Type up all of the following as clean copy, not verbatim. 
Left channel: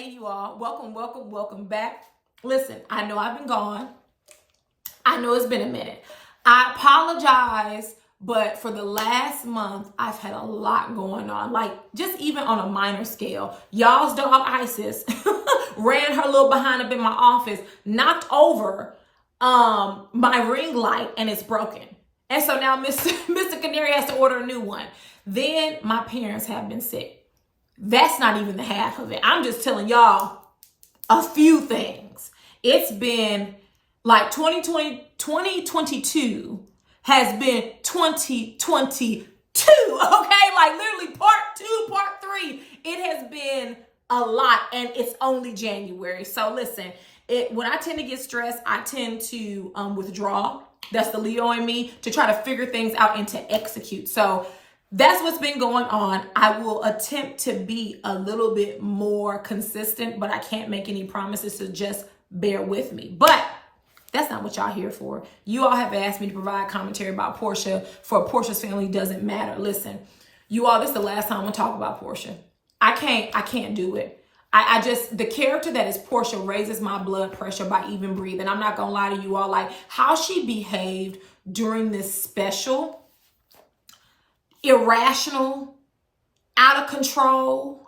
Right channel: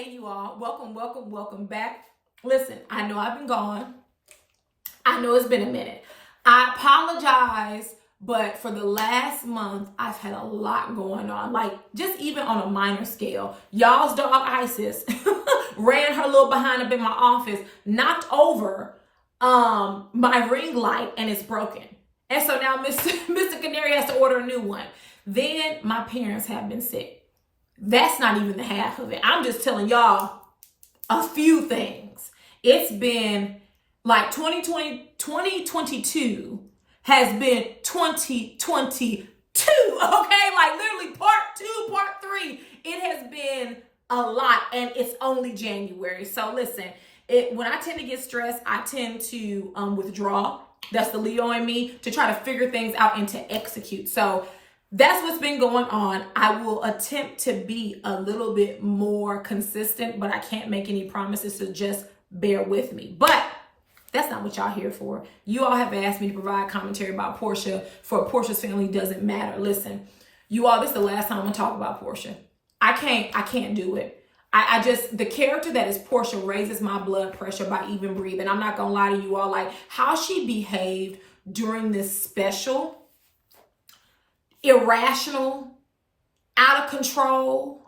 Hey, you all. Welcome back. Listen, I know I've been gone. I know it's been a minute. I apologize, but for the last month, I've had a lot going on. Like, just even on a minor scale. Y'all's dog, Isis, ran her little behind up in my office, knocked over my ring light, and it's broken. And so now Mr. Canary has to order a new one. Then my parents have been sick. That's not even the half of it. I'm just telling y'all a few things. It's been like 2022 has been 2022. Okay, like literally part 2, part 3. It has been a lot, and it's only January. So listen, when I tend to get stressed, I tend to withdraw. That's the Leo in me, to try to figure things out and to execute. So that's what's been going on. I will attempt to be a little bit more consistent, but I can't make any promises, so just bear with me. But that's not what y'all here for. You all have asked me to provide commentary about Porsha for Porsha's family doesn't matter. Listen, you all, this is the last time I'm gonna talk about Porsha. I can't do it. I just, the character that is Porsha raises my blood pressure by even breathing. I'm not gonna lie to you all, like how she behaved during this special, irrational, out of control,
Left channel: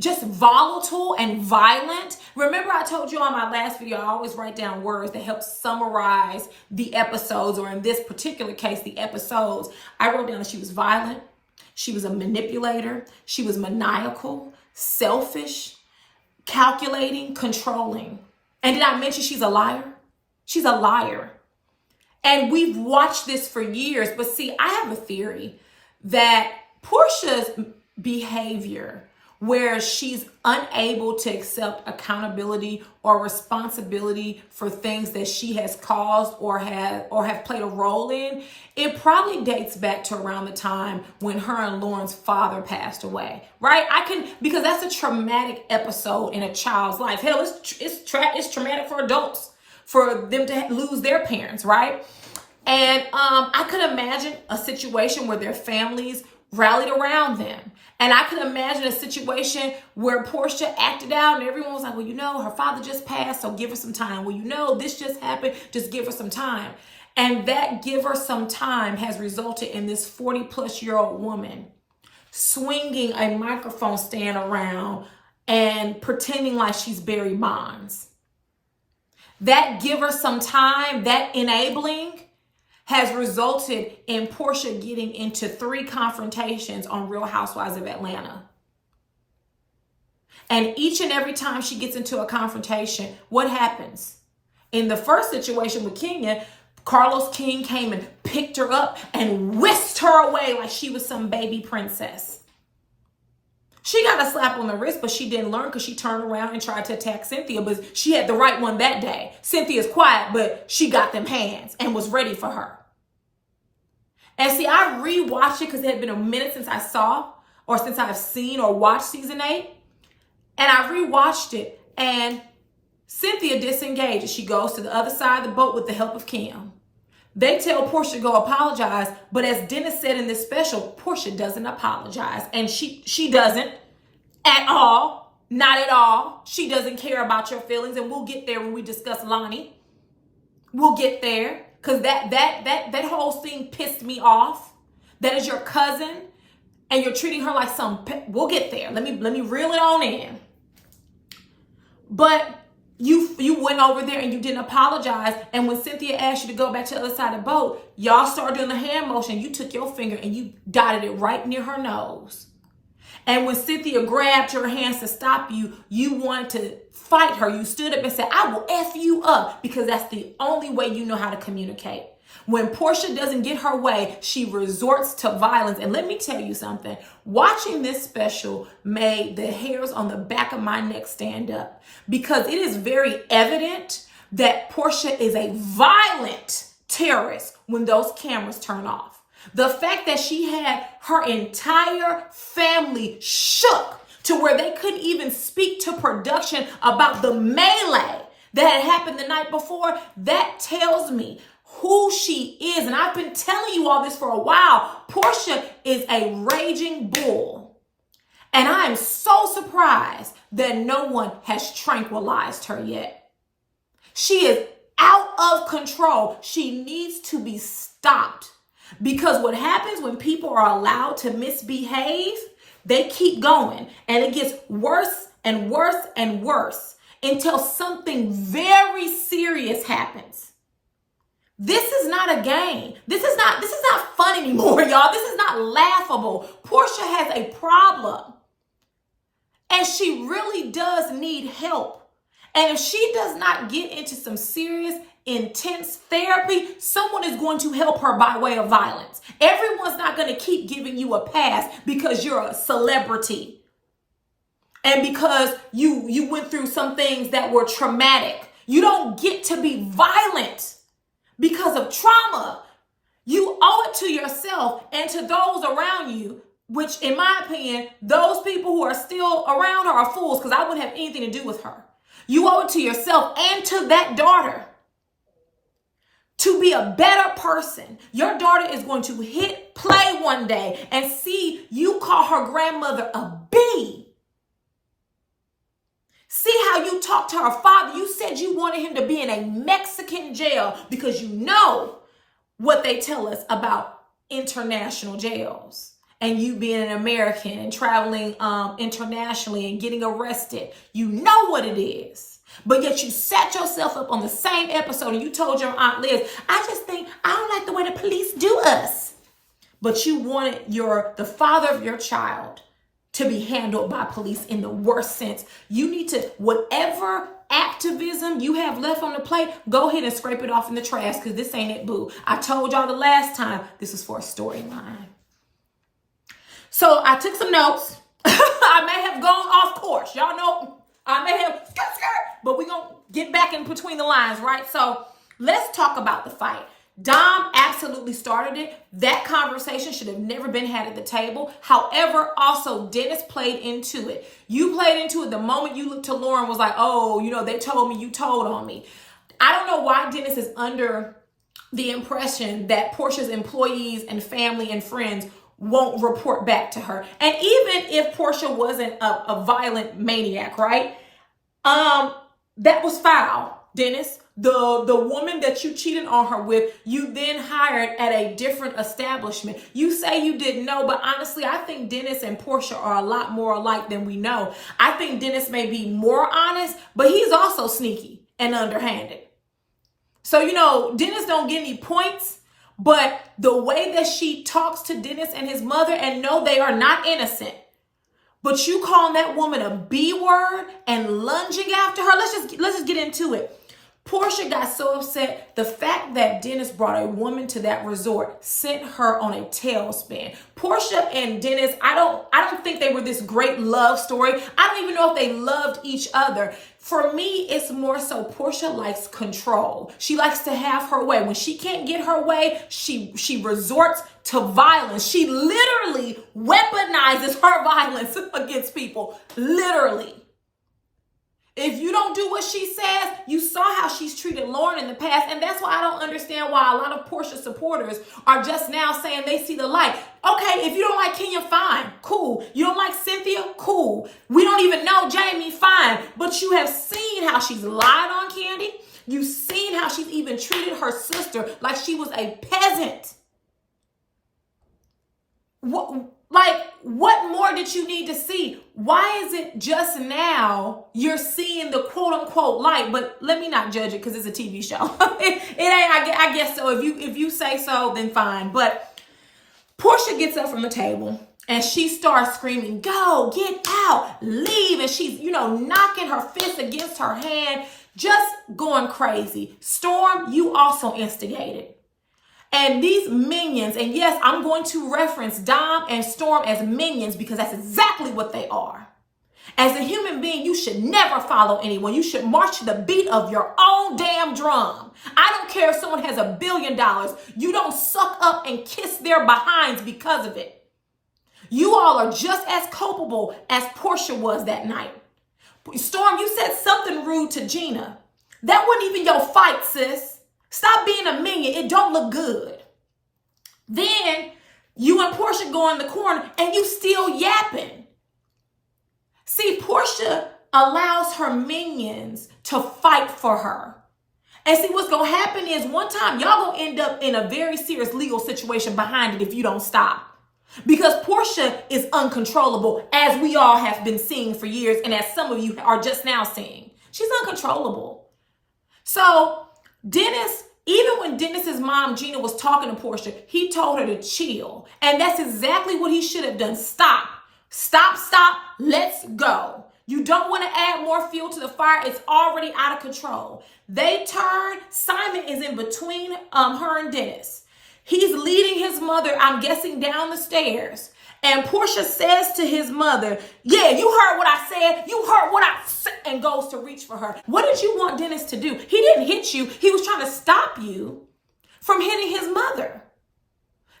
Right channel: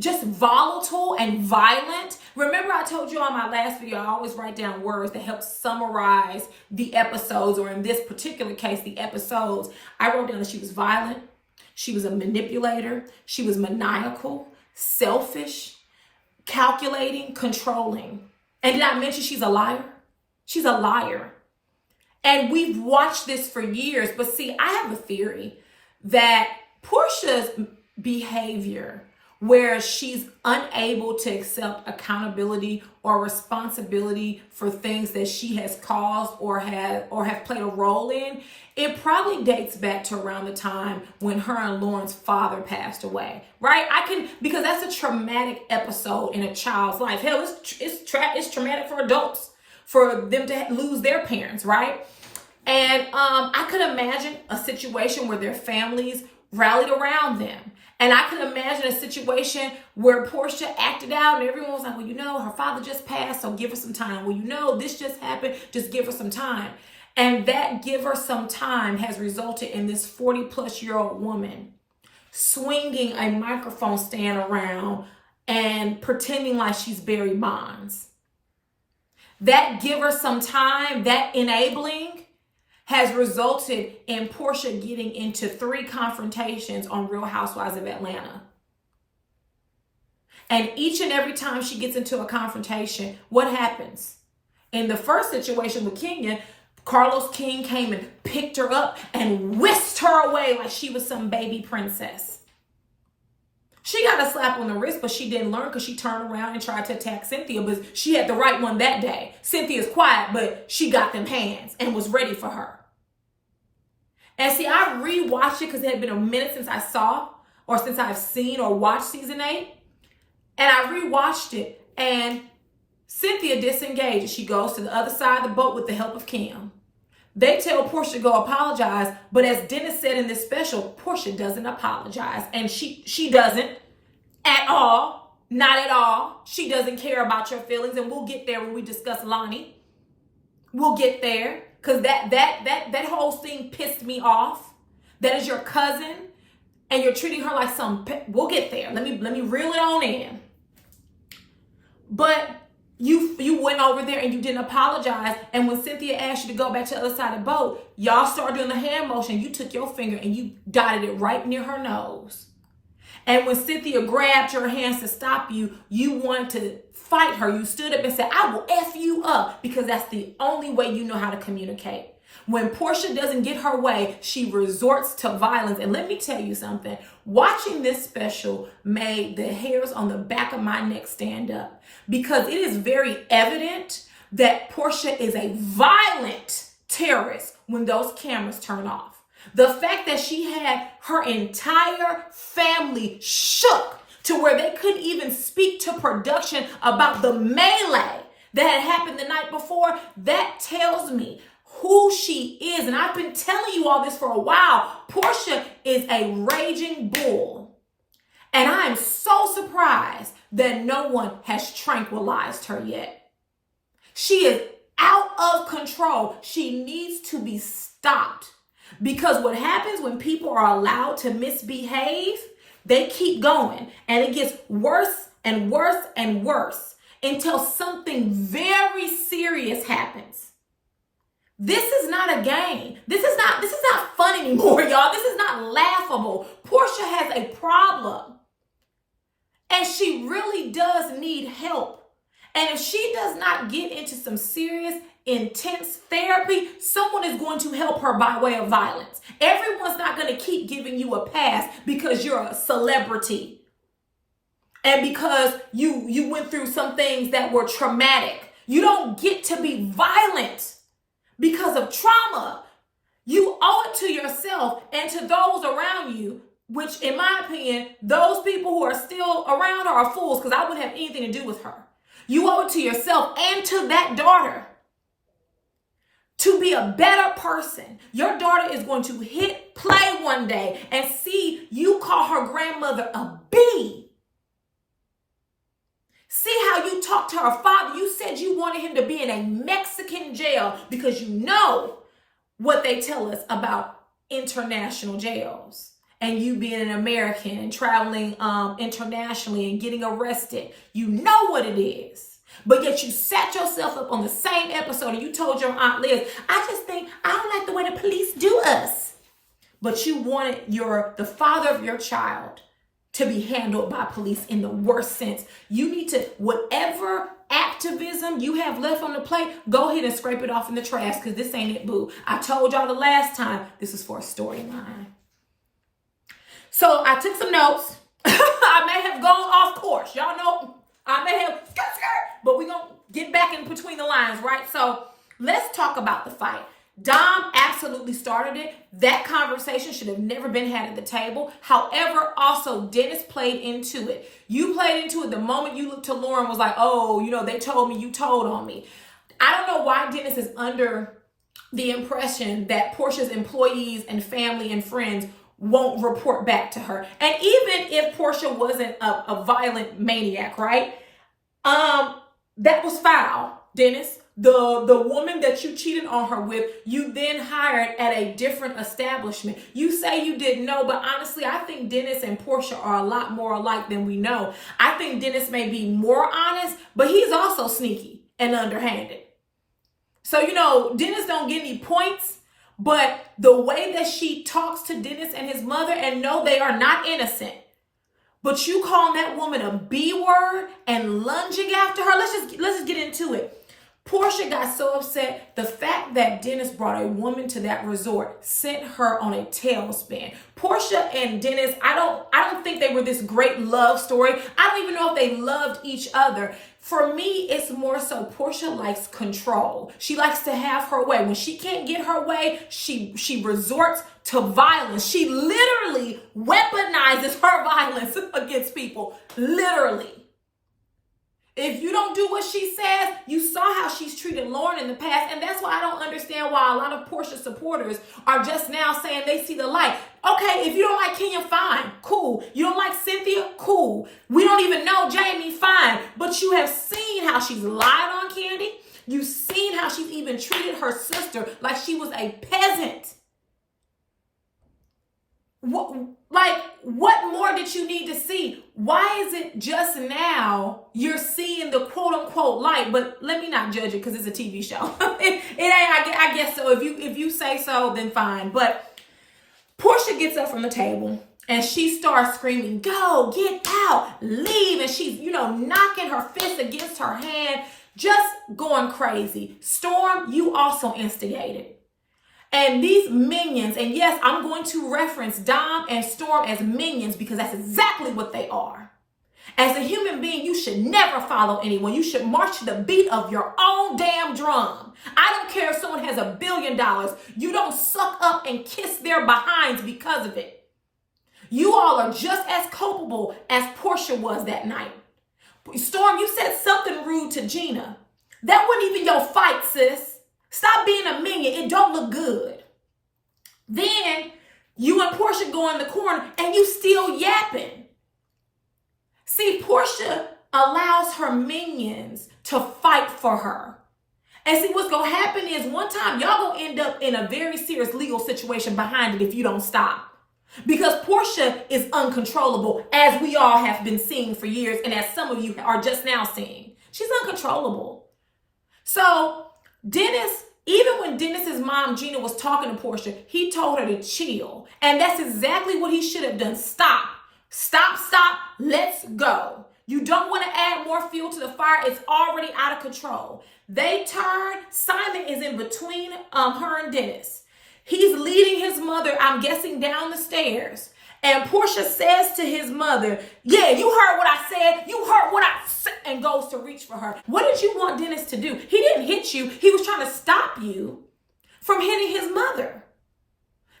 just volatile and violent. Remember I told you on my last video, I always write down words that help summarize the episodes, or in this particular case, the episodes. I wrote down that she was violent, she was a manipulator, she was maniacal, selfish, calculating, controlling. And did I mention she's a liar? She's a liar. And we've watched this for years, but see, I have a theory that Porsha's behavior, where she's unable to accept accountability or responsibility for things that she has caused or have played a role in, it probably dates back to around the time when her and Lauren's father passed away, right? Because that's a traumatic episode in a child's life. Hell, it's traumatic for adults, for them to lose their parents, right? And I could imagine a situation where their families rallied around them. And I could imagine a situation where Porsha acted out and everyone was like, well, you know, her father just passed, so give her some time. Well, you know, this just happened, just give her some time. And that give her some time has resulted in this 40-plus-year-old woman swinging a microphone stand around and pretending like she's Barry Bonds. That give her some time, that enabling, has resulted in Porsha getting into 3 confrontations on Real Housewives of Atlanta. And each and every time she gets into a confrontation, what happens? In the first situation with Kenya, Carlos King came and picked her up and whisked her away like she was some baby princess. She got a slap on the wrist, but she didn't learn because she turned around and tried to attack Cynthia, but she had the right one that day. Cynthia's quiet, but she got them hands and was ready for her. And see, I rewatched it because it had been a minute since I saw, or since I've seen or watched season 8. And I rewatched it, and Cynthia disengages. She goes to the other side of the boat with the help of Kim. They tell Porsha to go apologize, but as Dennis said in this special, Porsha doesn't apologize. And she doesn't at all, not at all. She doesn't care about your feelings, and we'll get there when we discuss Lonnie. We'll get there, because that whole thing pissed me off. That is your cousin, and you're treating her like some, we'll get there. Let me reel it on in. But you went over there and you didn't apologize. And when Cynthia asked you to go back to the other side of the boat, y'all started doing the hand motion. You took your finger and you dotted it right near her nose. And when Cynthia grabbed your hands to stop you, you wanted to fight her. You stood up and said, I will F you up, because that's the only way you know how to communicate. When Porsha doesn't get her way, she resorts to violence. And let me tell you something. Watching this special made the hairs on the back of my neck stand up, because it is very evident that Porsha is a violent terrorist when those cameras turn off. The fact that she had her entire family shook to where they couldn't even speak to production about the melee that had happened the night before, that tells me who she is. And I've been telling you all this for a while. Porsha is a raging bull. And I am so surprised that no one has tranquilized her yet. She is out of control. She needs to be stopped. Because what happens when people are allowed to misbehave, they keep going. And it gets worse and worse and worse until something very serious happens. This is not a game. This is not fun anymore, y'all. This is not laughable. Porsha has a problem. And she really does need help. And if she does not get into some serious, intense therapy, someone is going to help her by way of violence. Everyone's not going to keep giving you a pass because you're a celebrity. And because you went through some things that were traumatic. You don't get to be violent because of trauma. You owe it to yourself and to those around you, which in my opinion, those people who are still around her are fools because I wouldn't have anything to do with her. You owe it to yourself and to that daughter to be a better person. Your daughter is going to hit play one day and see you call her grandmother a B. See how you talked to her father. You said you wanted him to be in a Mexican jail because you know what they tell us about international jails. And you being an American and traveling internationally and getting arrested. You know what it is. But yet you set yourself up on the same episode and you told your Aunt Liz, I don't like the way the police do us. But you wanted the father of your child to be handled by police in the worst sense. You need to, whatever activism you have left on the plate, go ahead and scrape it off in the trash because this ain't it, boo. I told y'all the last time, this is for a storyline. So I took some notes. I may have gone off course. Y'all know I may have but we're going to get back in between the lines, right? So let's talk about the fight. Dom absolutely started it. That conversation should have never been had at the table. However, also Dennis played into it. You played into it the moment you looked to Lauren was like, oh, they told me, you told on me. I don't know why Dennis is under the impression that Porsha's employees and family and friends won't report back to her. And even if Porsha wasn't a violent maniac, right? That was foul, Dennis. The woman that you cheated on her with, you then hired at a different establishment. You say you didn't know, but honestly, I think Dennis and Porsha are a lot more alike than we know. I think Dennis may be more honest, but he's also sneaky and underhanded. So, Dennis don't get any points, but the way that she talks to Dennis and his mother, and no, they are not innocent. But you calling that woman a B word and lunging after her, let's just get into it. Porsha got so upset. The fact that Dennis brought a woman to that resort sent her on a tailspin. Porsha and Dennis, I don't think they were this great love story. I don't even know if they loved each other. For me, it's more so Porsha likes control. She likes to have her way. When she can't get her way, she resorts to violence. She literally weaponizes her violence against people. Literally. If you don't do what she says, you saw how she's treated Lauren in the past. And that's why I don't understand why a lot of Porsha supporters are just now saying they see the light. Okay, if you don't like Kenya, fine, cool. You don't like Cynthia, cool. We don't even know Jamie, fine. But you have seen how she's lied on Candy. You've seen how she's even treated her sister like she was a peasant. What more did you need to see? Why is it just now you're seeing the quote unquote light? But let me not judge it because it's a TV show. it ain't, I guess so. If you say so, then fine. But Porsha gets up from the table and she starts screaming, go, get out, leave. And she's, knocking her fist against her hand, just going crazy. Storm, you also instigated. And these minions, and yes, I'm going to reference Dom and Storm as minions because that's exactly what they are. As a human being, you should never follow anyone. You should march to the beat of your own damn drum. I don't care if someone has $1 billion. You don't suck up and kiss their behinds because of it. You all are just as culpable as Porsha was that night. Storm, you said something rude to Gina. That wasn't even your fight, sis. Stop being a minion. It don't look good. Then you and Porsha go in the corner and you still yapping. See, Porsha allows her minions to fight for her. And see, what's going to happen is one time y'all going to end up in a very serious legal situation behind it if you don't stop. Because Porsha is uncontrollable, as we all have been seeing for years, and as some of you are just now seeing. She's uncontrollable. So Dennis, even when Dennis's mom, Gina, was talking to Porsha, he told her to chill. And that's exactly what he should have done. Stop. Stop. Let's go. You don't want to add more fuel to the fire. It's already out of control. They turn. Simon is in between her and Dennis. He's leading his mother, I'm guessing, down the stairs. And Porsha says to his mother, yeah, you heard what I said. You heard what I said. And goes to reach for her. What did you want Dennis to do? He didn't hit you. He was trying to stop you from hitting his mother.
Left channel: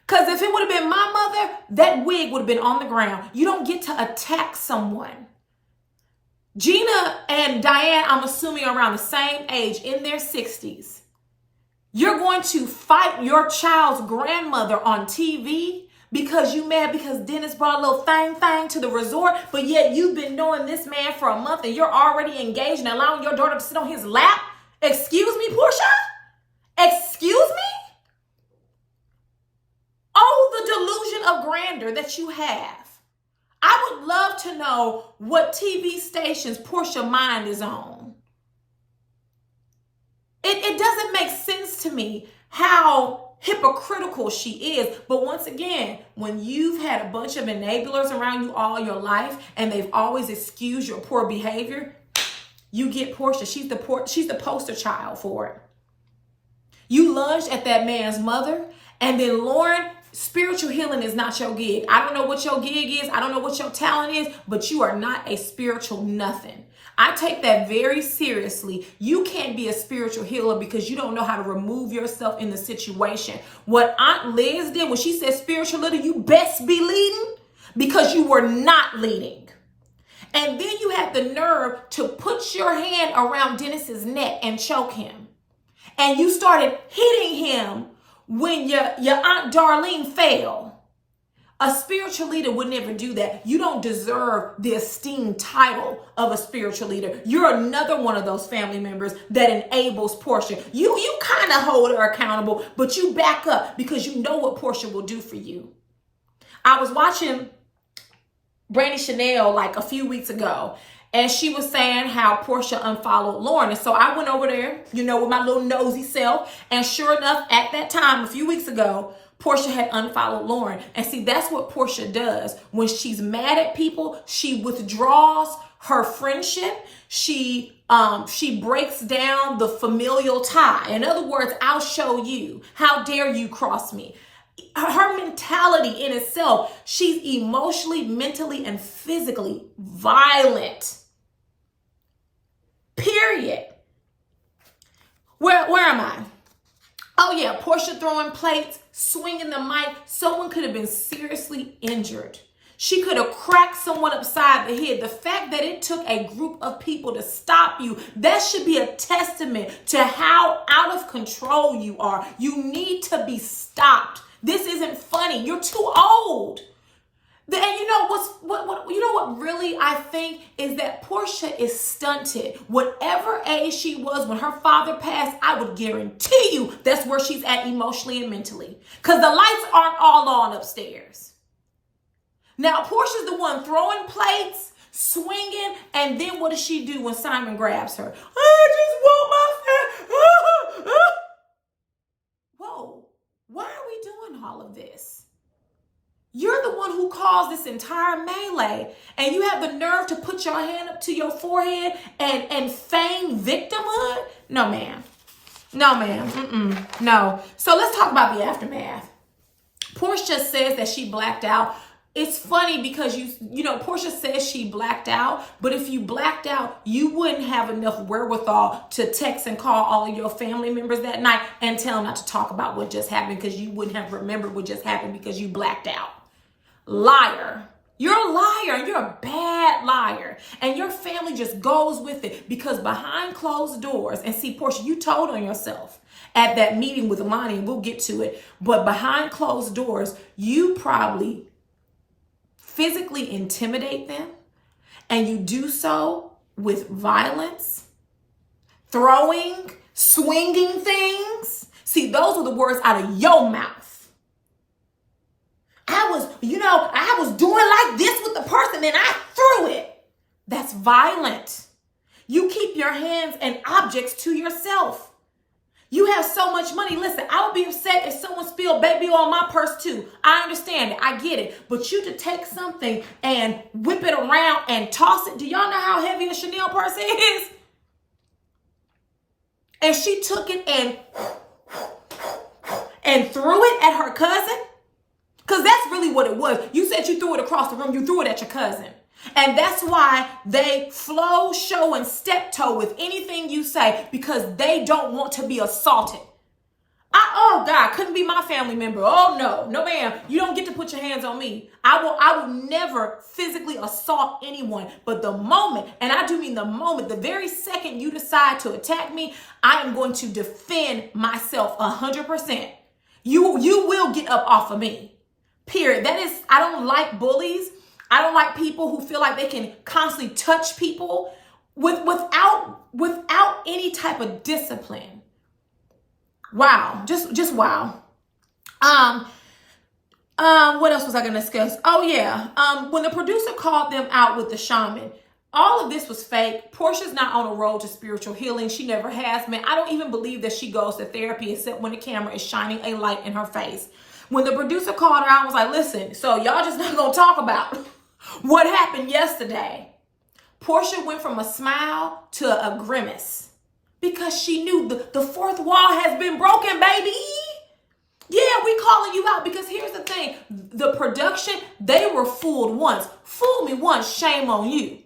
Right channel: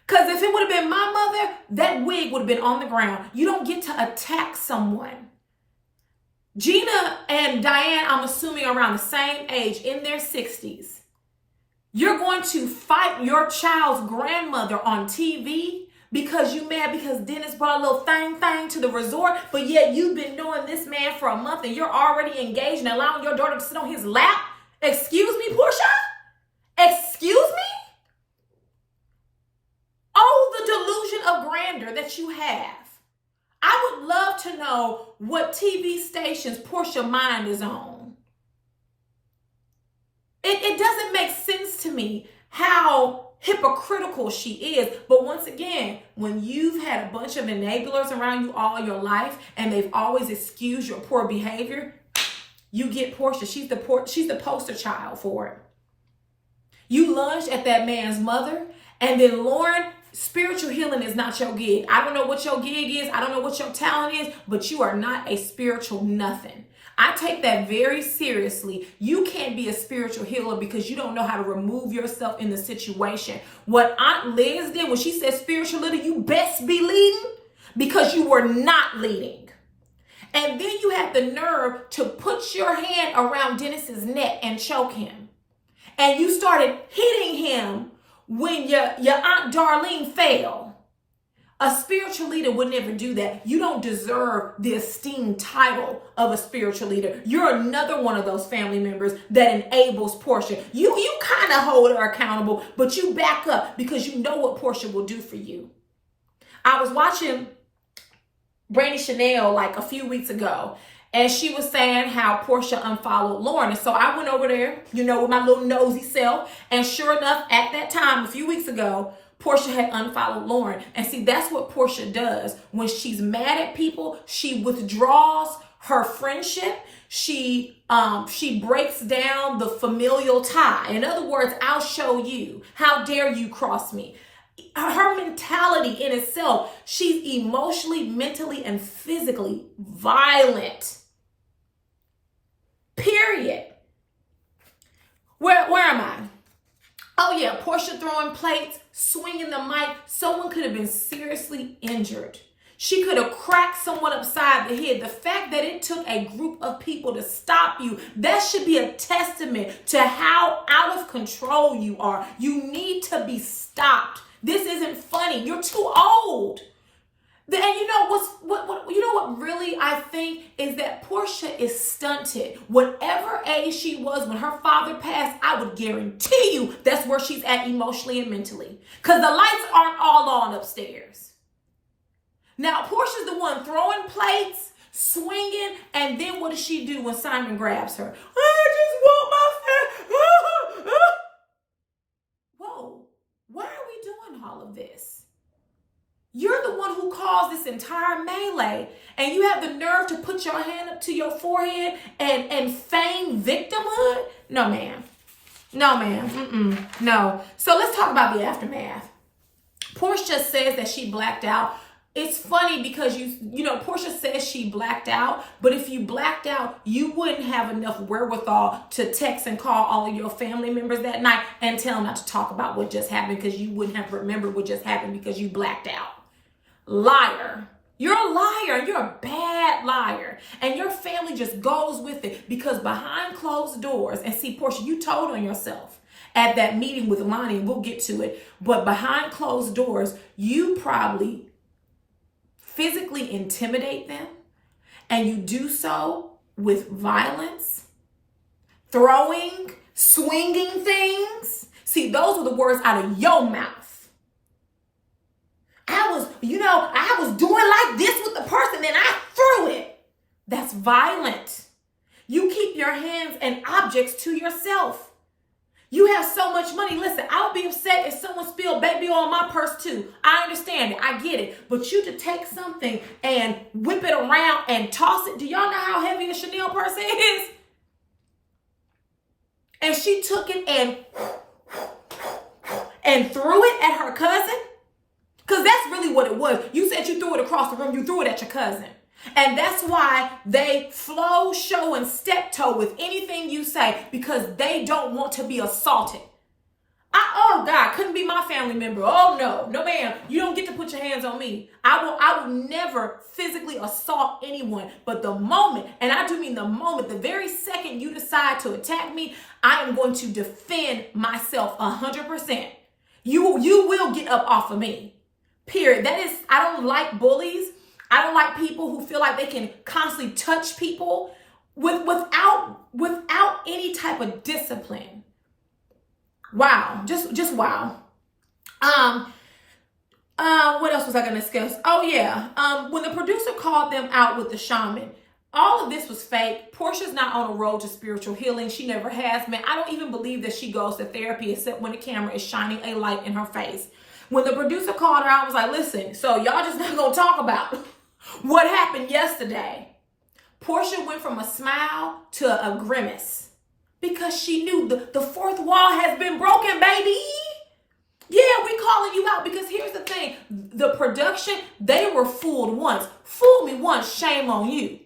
Because if it would have been my mother, that wig would have been on the ground. You don't get to attack someone. Gina and Diane, I'm assuming around the same age, in their 60s. You're going to fight your child's grandmother on TV because you mad because Dennis brought a little thing to the resort, but yet you've been knowing this man for a month and you're already engaged and allowing your daughter to sit on his lap? Excuse me, Porsha? Excuse me? Oh, the delusion of grandeur that you have. I would love to know what TV stations Porsha mind is on. It doesn't make sense to me how hypocritical she is. But once again, when you've had a bunch of enablers around you all your life and they've always excused your poor behavior, you get Porsha. She's the poster child for it. You lunged at that man's mother, and then Lauren, spiritual healing is not your gig. I don't know what your gig is. I don't know what your talent is, but you are not a spiritual nothing. I take that very seriously. You can't be a spiritual healer because you don't know how to remove yourself in the situation. What Aunt Liz did when she said spiritual leader, you best be leading because you were not leading. And then you had the nerve to put your hand around Dennis's neck and choke him. And you started hitting him when your Aunt Darlene fell. A spiritual leader would never do that. You don't deserve the esteemed title of a spiritual leader. You're another one of those family members that enables Porsha. You kind of hold her accountable, but you back up because you know what Porsha will do for you. I was watching Brandy Chanel like a few weeks ago, and she was saying how Porsha unfollowed Lauren. And so I went over there, with my little nosy self. And sure enough, at that time, a few weeks ago, Porsha had unfollowed Lauren. And see, that's what Porsha does. When she's mad at people, she withdraws her friendship. She breaks down the familial tie. In other words, I'll show you. How dare you cross me? Her mentality in itself, she's emotionally, mentally, and physically violent. Period. Where am I? Oh yeah, Porsha throwing plates, swinging the mic. Someone could have been seriously injured. She could have cracked someone upside the head. The fact that it took a group of people to stop you, that should be a testament to how out of control you are. You need to be stopped. This isn't funny. You're too old. And you know what really I think is that Porsha is stunted. Whatever age she was when her father passed, I would guarantee you that's where she's at emotionally and mentally. Because the lights aren't all on upstairs. Now, Portia's the one throwing plates, swinging, and then what does she do when Simon grabs her? I just want my family. Whoa, why are we doing all of this? You're the one who caused this entire melee, and you have the nerve to put your hand up to your forehead and feign victimhood? No, ma'am. No, ma'am. No. So let's talk about the aftermath. Porsha says that she blacked out. It's funny because Porsha says she blacked out, but if you blacked out, you wouldn't have enough wherewithal to text and call all of your family members that night and tell them not to talk about what just happened because you wouldn't have remembered what just happened because you blacked out. Liar. You're a liar. You're a bad liar. And your family just goes with it because behind closed doors, and see, Porsha, you told on yourself at that meeting with Lonnie, and we'll get to it, but behind closed doors, you probably physically intimidate them and you do so with violence, throwing, swinging things. See, those were the words out of your mouth. I was doing like this with the person and I threw it. That's violent. You keep your hands and objects to yourself. You have so much money. Listen, I would be upset if someone spilled baby oil on my purse too. I understand it. I get it. But you to take something and whip it around and toss it. Do y'all know how heavy the Chanel purse is? And she took it and threw it at her cousin? Because that's really what it was. You said you threw it across the room. You threw it at your cousin. And that's why they flow, show, and step toe with anything you say, because they don't want to be assaulted. Oh God, couldn't be my family member. Oh no, ma'am. You don't get to put your hands on me. I will never physically assault anyone. But the moment, and I do mean the moment, the very second you decide to attack me, I am going to defend myself 100%. You will get up off of me. Period. I don't like bullies. I don't like people who feel like they can constantly touch people without any type of discipline. Wow, just wow. What else was I gonna discuss? Oh yeah, when the producer called them out with the shaman, all of this was fake. Porsha's not on a road to spiritual healing. She never has been. I don't even believe that she goes to therapy except when the camera is shining a light in her face. When the producer called her out, I was like, listen, so y'all just not gonna talk about what happened yesterday. Porsha went from a smile to a grimace because she knew the fourth wall has been broken, baby. Yeah, we calling you out because here's the thing. The production, they were fooled once. Fool me once, shame on you.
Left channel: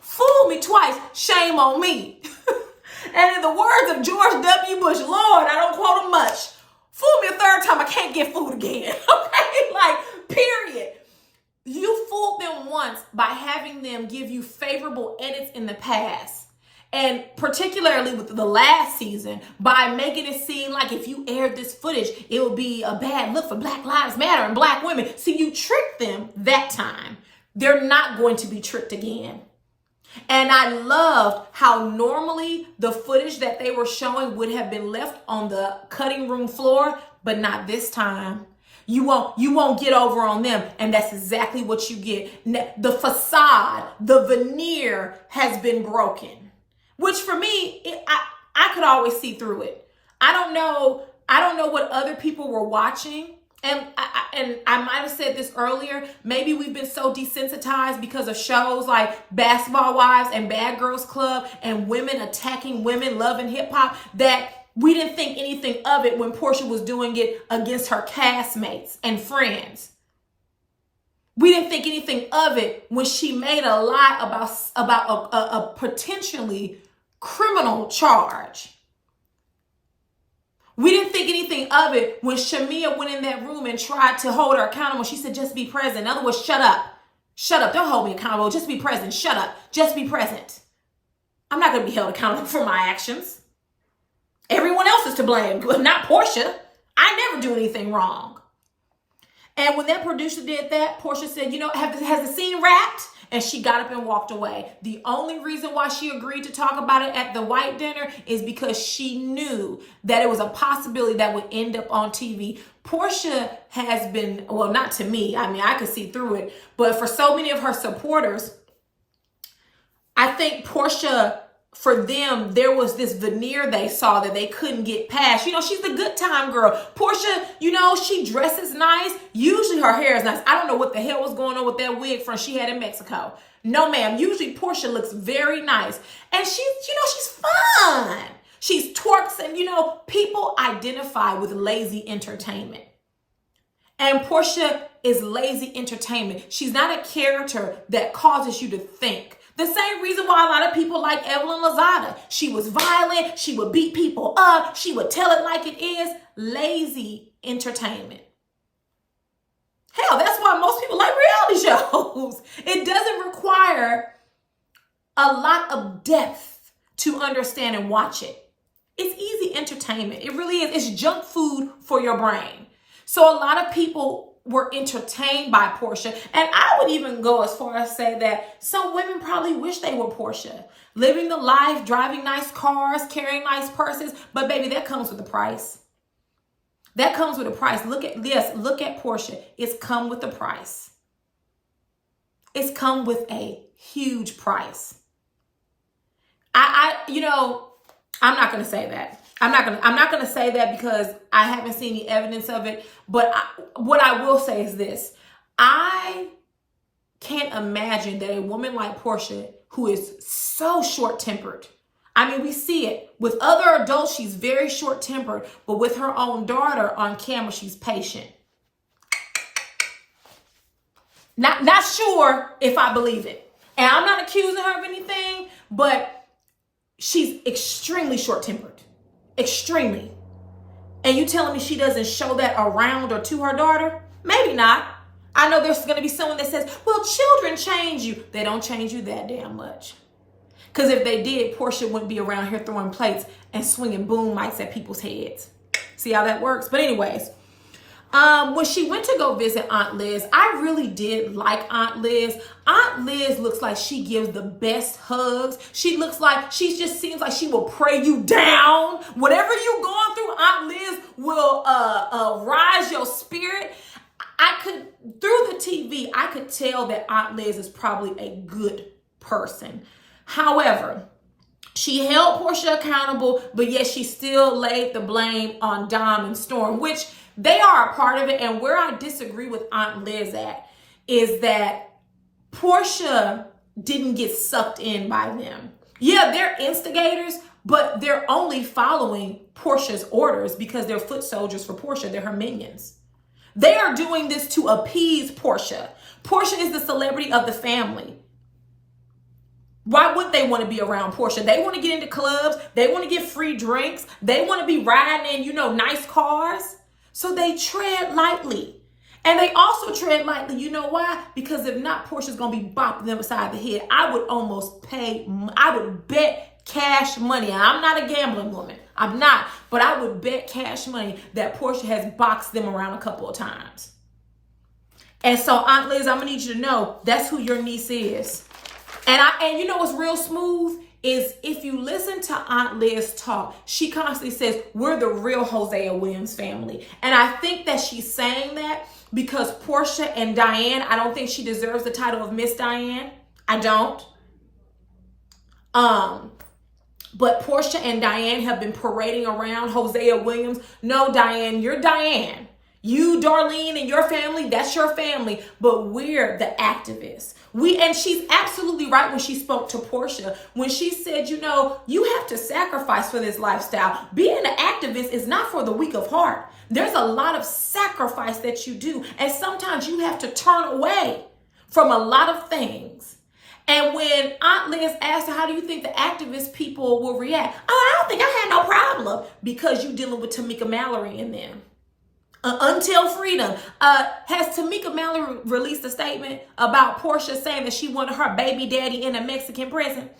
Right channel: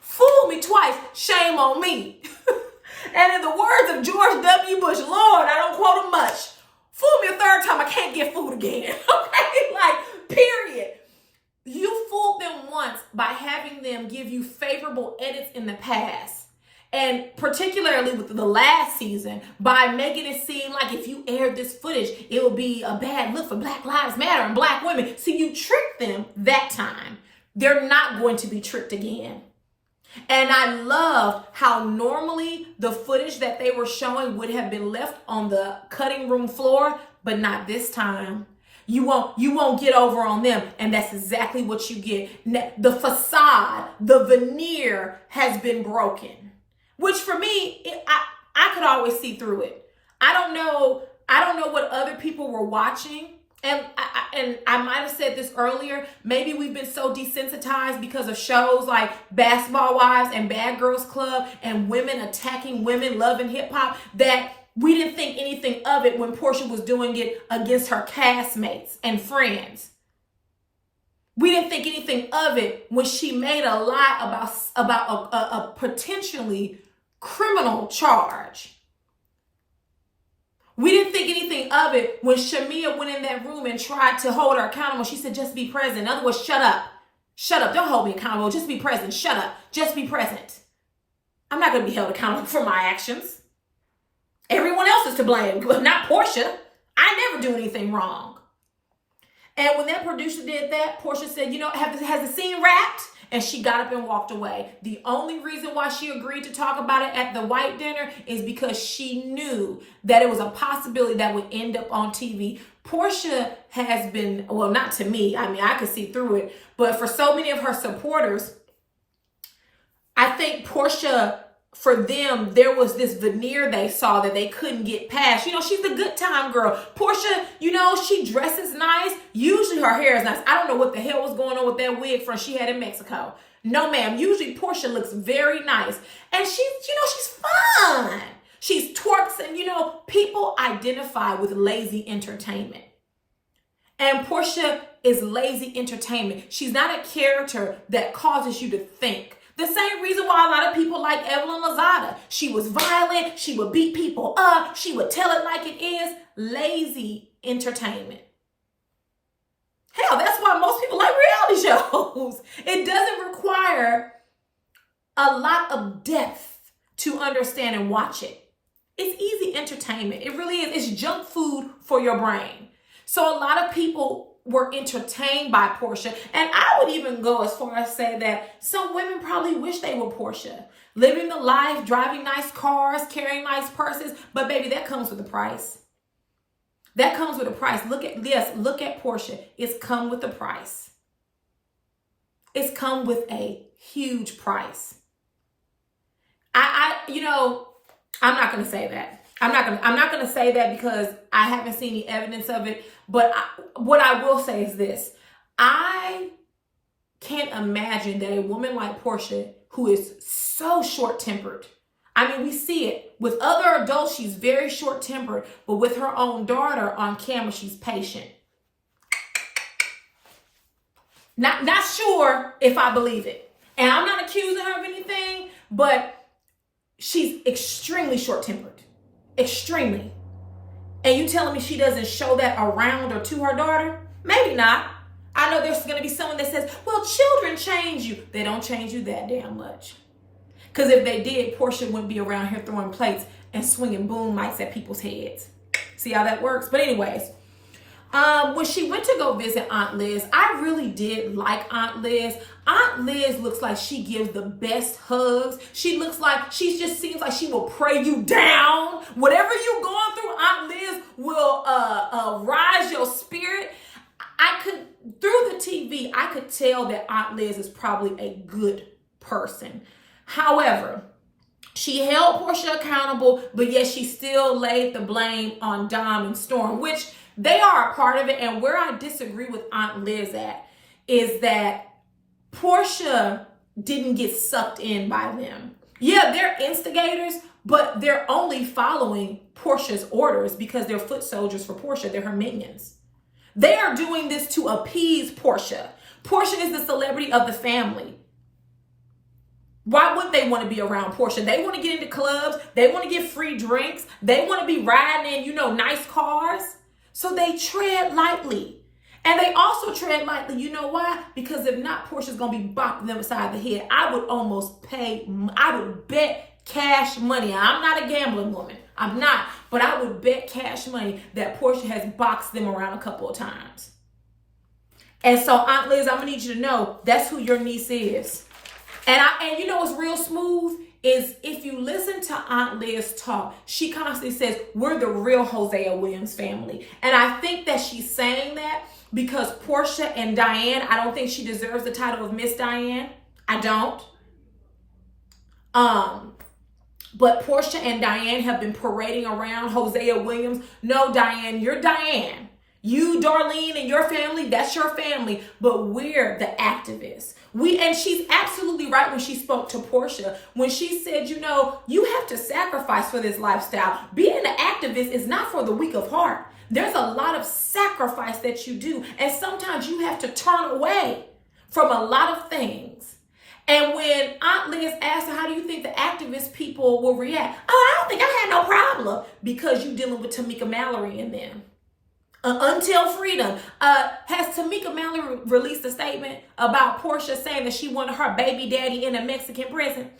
Fool me twice, shame on me. And in the words of George W. Bush, Lord, I don't quote him much. Fool me a third time, I can't get fooled again. Okay, like, period. You fooled them once by having them give you favorable edits in the past. And particularly with the last season, by making it seem like if you aired this footage, it would be a bad look for Black Lives Matter and Black women. See, you tricked them that time. They're not going to be tricked again. And I loved how normally the footage that they were showing would have been left on the cutting room floor, but not this time. You won't get over on them. And that's exactly what you get. The facade, the veneer has been broken, which for me, I could always see through it. I don't know what other people were watching. And I might have said this earlier. Maybe we've been so desensitized because of shows like Basketball Wives and Bad Girls Club and women attacking women, Love and Hip Hop, that we didn't think anything of it when Porsha was doing it against her castmates and friends. We didn't think anything of it when she made a lie about a potentially criminal charge. We didn't think anything of it when Shamia went in that room and tried to hold her accountable. She said, just be present. In other words, shut up. Shut up. Don't hold me accountable. Just be present. Shut up. Just be present. I'm not going to be held accountable for my actions. Everyone else is to blame, not Porsha. I never do anything wrong. And when that producer did that, Porsha said, has the scene wrapped? And she got up and walked away. The only reason why she agreed to talk about it at the white dinner is because she knew that it was a possibility that would end up on TV. Porsha has been, well, not to me. I mean, I could see through it. But for so many of her supporters, I think Porsha, for them, there was this veneer they saw that they couldn't get past. She's the good time girl. Porsha, she dresses nice. Usually her hair is nice. I don't know what the hell was going on with that wig front she had in Mexico. No, ma'am. Usually Porsha looks very nice. And she's fun. She's twerks and, people identify with lazy entertainment. And Porsha is lazy entertainment. She's not a character that causes you to think. The same reason why a lot of people like Evelyn Lozada. She was violent. She would beat people up. She would tell it like it is. Lazy entertainment. Hell, that's why most people like reality shows. It doesn't require a lot of depth to understand and watch it. It's easy entertainment. It really is. It's junk food for your brain. So a lot of people were entertained by Porsha. And I would even go as far as say that some women probably wish they were Porsha. Living the life, driving nice cars, carrying nice purses. But baby, that comes with a price. That comes with a price. Look at Porsha. It's come with a price. It's come with a huge price. I'm not going to say that. I'm not going to say that because I haven't seen the evidence of it. But what I will say is this. I can't imagine that a woman like Porsha, who is so short-tempered. I mean, we see it. With other adults, she's very short-tempered. But with her own daughter on camera, she's patient. Not sure if I believe it. And I'm not accusing her of anything, but she's extremely short-tempered. Extremely. And you telling me she doesn't show that around or to her daughter? Maybe not. I know there's going to be someone that says, well, children change you. They don't change you that damn much. Because if they did, Porsha wouldn't be around here throwing plates and swinging boom mics at people's heads. See how that works? But anyways, when she went to go visit Aunt Liz, I really did like Aunt Liz. Aunt Liz looks like she gives the best hugs. She just seems like she will pray you down. Whatever you're going through, Aunt Liz will rise your spirit. Through the TV, I could tell that Aunt Liz is probably a good person. However, she held Porsha accountable, but yet she still laid the blame on Dom and Storm, which they are a part of it. And where I disagree with Aunt Liz at is that Porsha didn't get sucked in by them. Yeah, they're instigators, but they're only following Porsha's orders because they're foot soldiers for Porsha. They're her minions. They are doing this to appease Porsha. Porsha is the celebrity of the family. Why would they want to be around Porsha? They want to get into clubs. They want to get free drinks. They want to be riding in, nice cars. So they tread lightly. And they also tread lightly. You know why? Because if not, Portia's going to be bopping them beside the head. I would bet cash money. I'm not a gambling woman. I'm not. But I would bet cash money that Porsha has boxed them around a couple of times. And so, Aunt Liz, I'm going to need you to know that's who your niece is. And you know what's real smooth is if you listen to Aunt Liz talk, she constantly says, we're the real Hosea Williams family. And I think that she's saying that because Porsha and Diane, I don't think she deserves the title of Miss Diane. I don't. But Porsha and Diane have been parading around Hosea Williams. No, Diane, you're Diane. You, Darlene, and your family, that's your family. But we're the activists. And she's absolutely right when she spoke to Porsha. When she said, you have to sacrifice for this lifestyle. Being an activist is not for the weak of heart. There's a lot of sacrifice that you do. And sometimes you have to turn away from a lot of things. And when Aunt Liz asked her, how do you think the activist people will react? Oh, I don't think I had no problem because you're dealing with Tamika Mallory and them. Until Freedom. Has Tamika Mallory released a statement about Porsha saying that she wanted her baby daddy in a Mexican prison?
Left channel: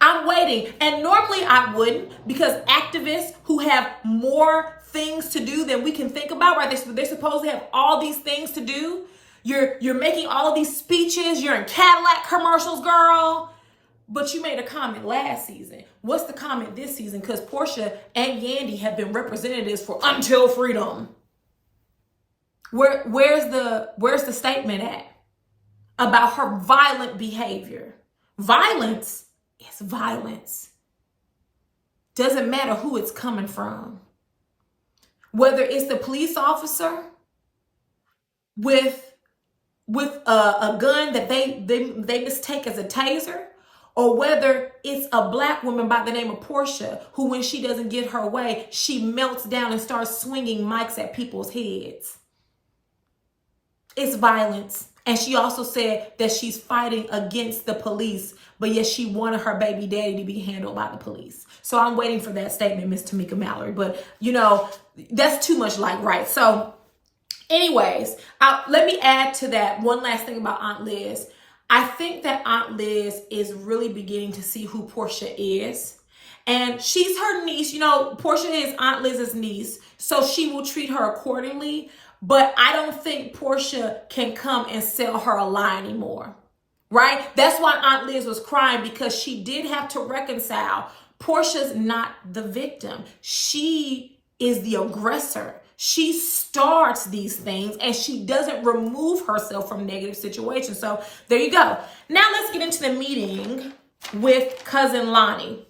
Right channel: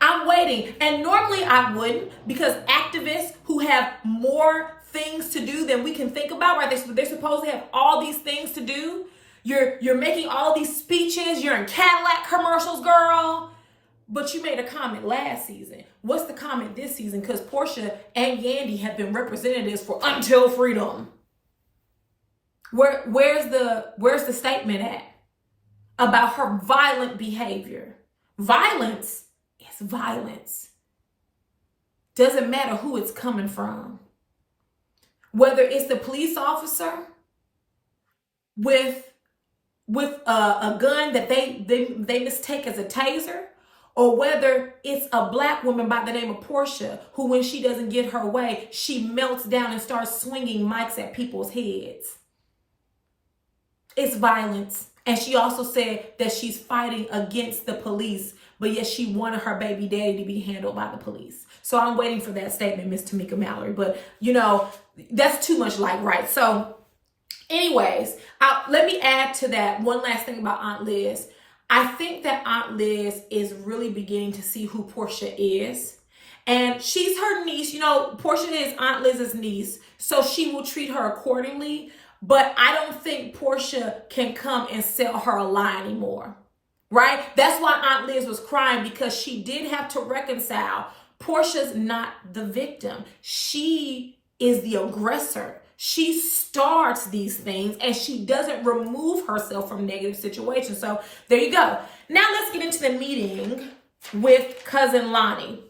I'm waiting. And normally I wouldn't, because activists who have more things to do than we can think about, right? They're supposed to have all these things to do. You're making all these speeches. You're in Cadillac commercials, girl. But you made a comment last season. What's the comment this season? Because Porsha and Yandy have been representatives for Until Freedom. Where's the statement at about her violent behavior? Violence is violence. Doesn't matter who it's coming from. Whether it's the police officer with a gun that they mistake as a taser, or whether it's a black woman by the name of Porsha, who when she doesn't get her way, she melts down and starts swinging mics at people's heads. It's violence. And she also said that she's fighting against the police, but yet she wanted her baby daddy to be handled by the police. So I'm waiting for that statement, Miss Tamika Mallory. But, that's too much like right. So anyways, let me add to that one last thing about Aunt Liz. I think that Aunt Liz is really beginning to see who Porsha is. And she's her niece. Porsha is Aunt Liz's niece, so she will treat her accordingly. but I don't think Porsha can come and sell her a lie anymore, right? That's why Aunt Liz was crying, because she did have to reconcile. Porsha's not the victim. She is the aggressor. She starts these things and she doesn't remove herself from negative situations. So there you go. Now let's get into the meeting with cousin Lonnie.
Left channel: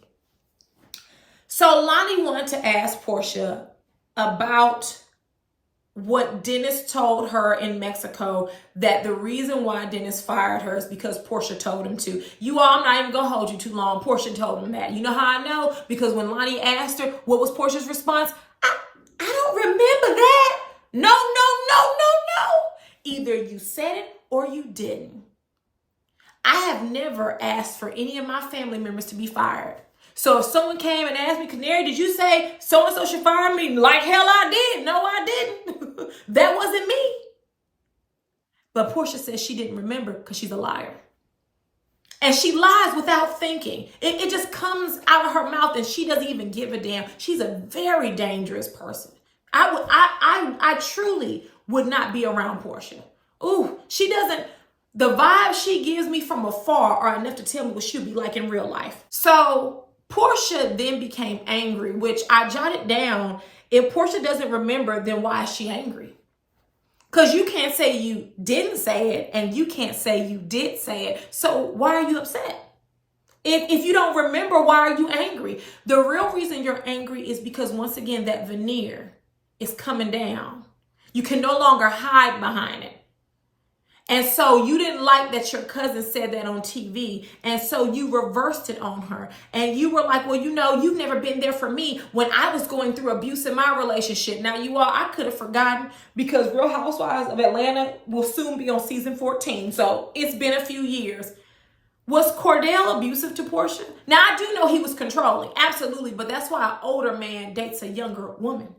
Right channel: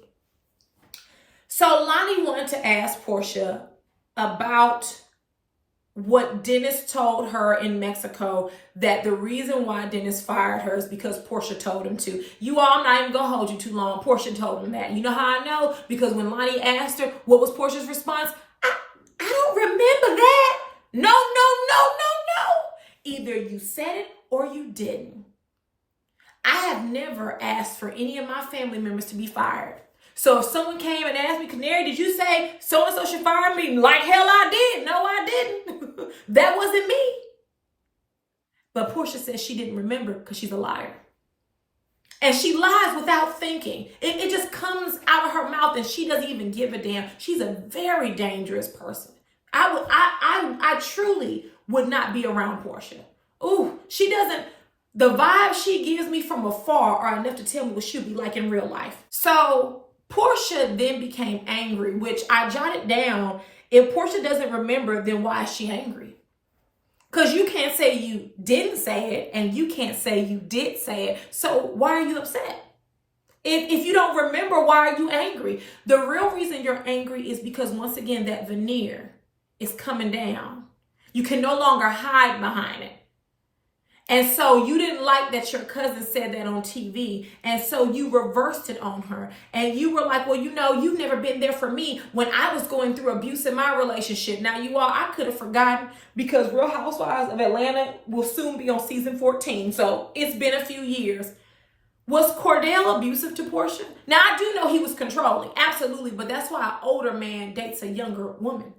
So Lonnie wanted to ask Porsha about what Dennis told her in Mexico, that the reason why Dennis fired her is because Porsha told him to. You all, I'm not even gonna hold you too long. Porsha told him that. You know how I know? Because when Lonnie asked her, what was Porsha's response? I don't remember that. No. Either you said it or you didn't. I have never asked for any of my family members to be fired. So if someone came and asked me, Canary, did you say so-and-so should fire me? Like hell I did. No, I didn't. That wasn't me. But Porsha says she didn't remember because she's a liar. And she lies without thinking. It just comes out of her mouth and she doesn't even give a damn. She's a very dangerous person. I truly would not be around Porsha. Ooh, she doesn't. The vibes she gives me from afar are enough to tell me what she'll be like in real life. So Porsha then became angry, which I jotted down. If Porsha doesn't remember, then why is she angry? Because you can't say you didn't say it and you can't say you did say it. So why are you upset? If you don't remember, why are you angry? The real reason you're angry is because, once again, that veneer is coming down. You can no longer hide behind it. And so you didn't like that your cousin said that on TV. And so you reversed it on her. And you were like, well, you know, you've never been there for me when I was going through abuse in my relationship. Now, you all, I could have forgotten, because Real Housewives of Atlanta will soon be on season 14. So it's been a few years. Was Cordell abusive to Porsha? Now, I do know he was controlling. Absolutely. But that's why an older man dates a younger woman.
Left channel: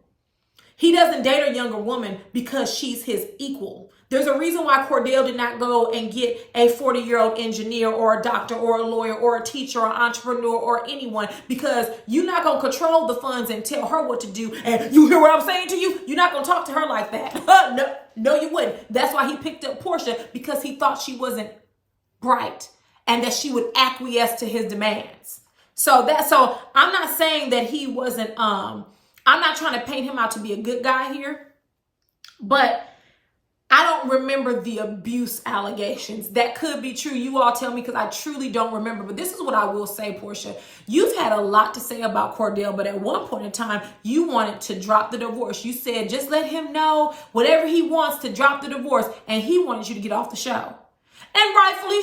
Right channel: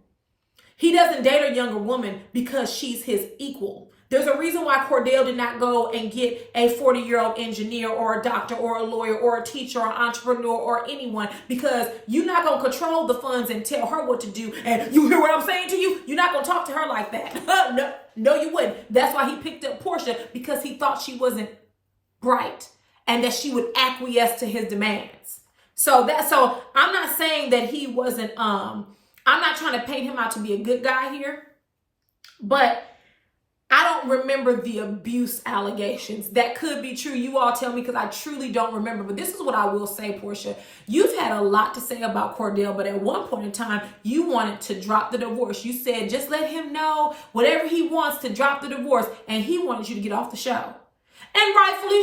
He doesn't date a younger woman because she's his equal. There's a reason why Cordell did not go and get a 40-year-old engineer or a doctor or a lawyer or a teacher or entrepreneur or anyone, because you're not going to control the funds and tell her what to do. And you hear what I'm saying to you? You're not going to talk to her like that. No, you wouldn't. That's why he picked up Porsha, because he thought she wasn't bright and that she would acquiesce to his demands. So I'm not saying that he wasn't, I'm not trying to paint him out to be a good guy here, but I don't remember the abuse allegations. That could be true. You all tell me, because I truly don't remember. But this is what I will say, Porsha. You've had a lot to say about Cordell, but at one point in time, you wanted to drop the divorce. You said, just let him know whatever he wants to drop the divorce. And he wanted you to get off the show. And rightfully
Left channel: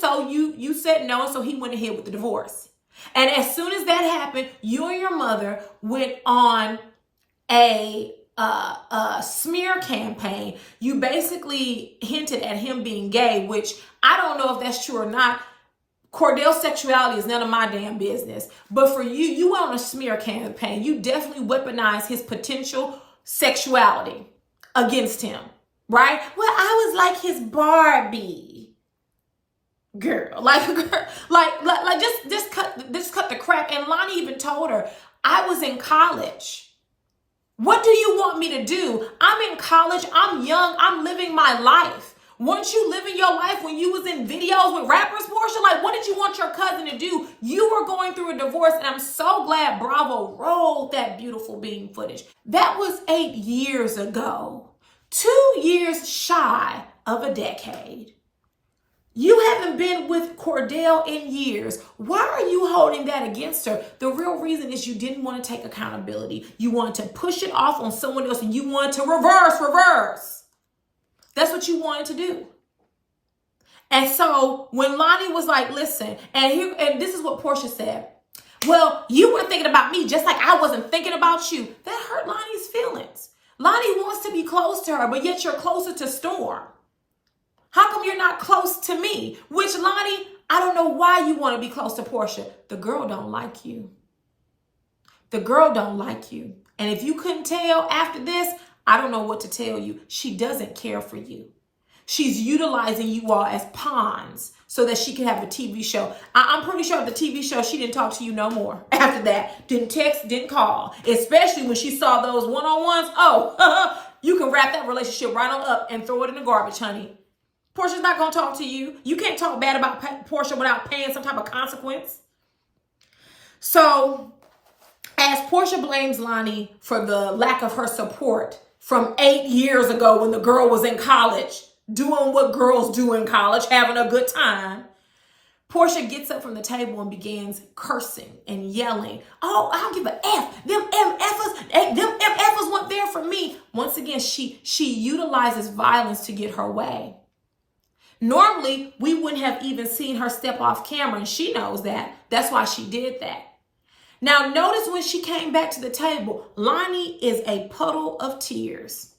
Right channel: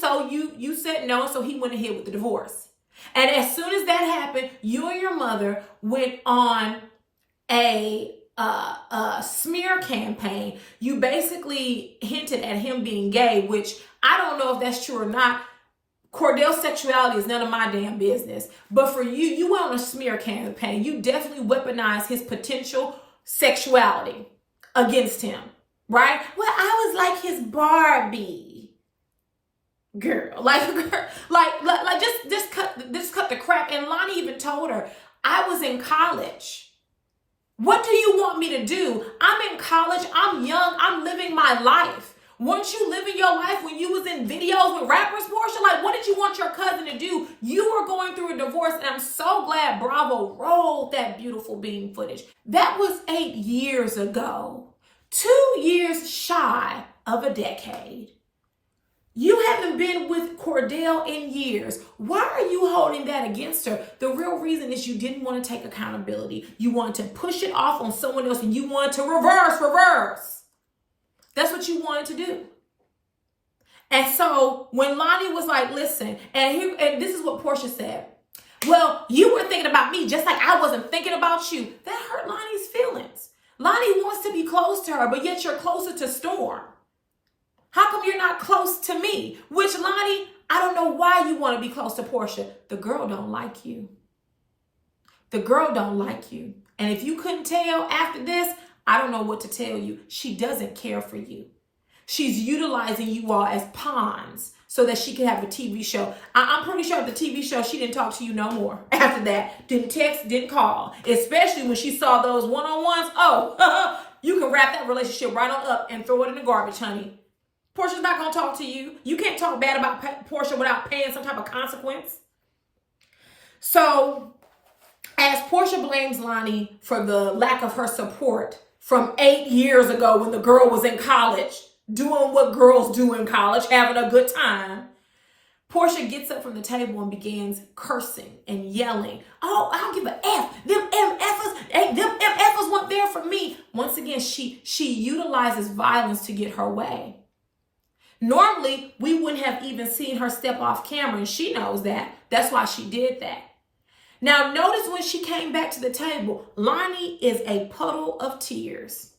so, you said no, so he went ahead with the divorce. And as soon as that happened, you and your mother went on a smear campaign. You basically hinted at him being gay, which I don't know if that's true or not. Cordell's sexuality is none of my damn business. But for you, you went on a smear campaign. You definitely weaponized his potential sexuality against him, right? Well, I was like his Barbie. Girl, just cut the crap. And Lonnie even told her, I was in college. What do you want me to do? I'm in college. I'm young. I'm living my life. Weren't you living your life when you was in videos with rappers, Porsha? Like, what did you want your cousin to do? You were going through a divorce, and I'm so glad Bravo rolled that beautiful beam footage. That was 8 years ago. 2 years shy of a decade. You haven't been with Cordell in years. Why are you holding that against her? The real reason is you didn't want to take accountability. You wanted to push it off on someone else, and you wanted to reverse. That's what you wanted to do. And so when Lonnie was like, listen, and this is what Porsha said. Well, you were thinking about me just like I wasn't thinking about you. That hurt Lonnie's feelings. Lonnie wants to be close to her, but yet you're closer to Storm. How come you're not close to me? Which, Lonnie, I don't know why you want to be close to Porsha. The girl don't like you. The girl don't like you. And if you couldn't tell after this, I don't know what to tell you. She doesn't care for you. She's utilizing you all as pawns so that she can have a TV show. I'm pretty sure the TV show, she didn't talk to you no more after that. Didn't text, didn't call. Especially when she saw those one-on-ones. Oh, you can wrap that relationship right on up and throw it in the garbage, honey. Porsha's not going to talk to you. You can't talk bad about Porsha without paying some type of consequence. So, as Porsha blames Lonnie for the lack of her support from 8 years ago when the girl was in college, doing what girls do in college, having a good time, Porsha gets up from the table and begins cursing and yelling. Oh, I don't give a F. Them MFers weren't there for me. Once again, she utilizes violence to get her way. Normally, we wouldn't have even seen her step off camera, and she knows that. That's why she did that. Now, notice when she came back to the table, Lonnie is a puddle of tears.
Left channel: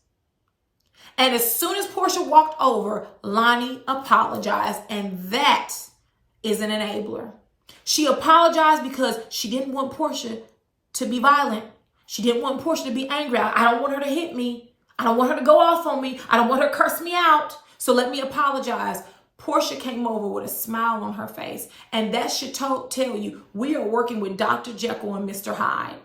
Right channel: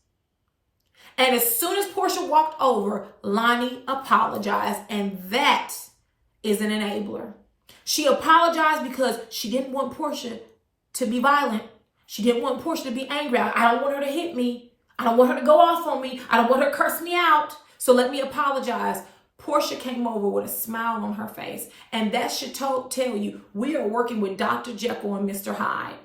And as soon as Porsha walked over, Lonnie apologized, and that is an enabler. She apologized because she didn't want Porsha to be violent. She didn't want Porsha to be angry. I don't want her to hit me. I don't want her to go off on me. I don't want her to curse me out. So let me apologize. Porsha came over with a smile on her face. And that should tell you, we are working with Dr. Jekyll and Mr. Hyde.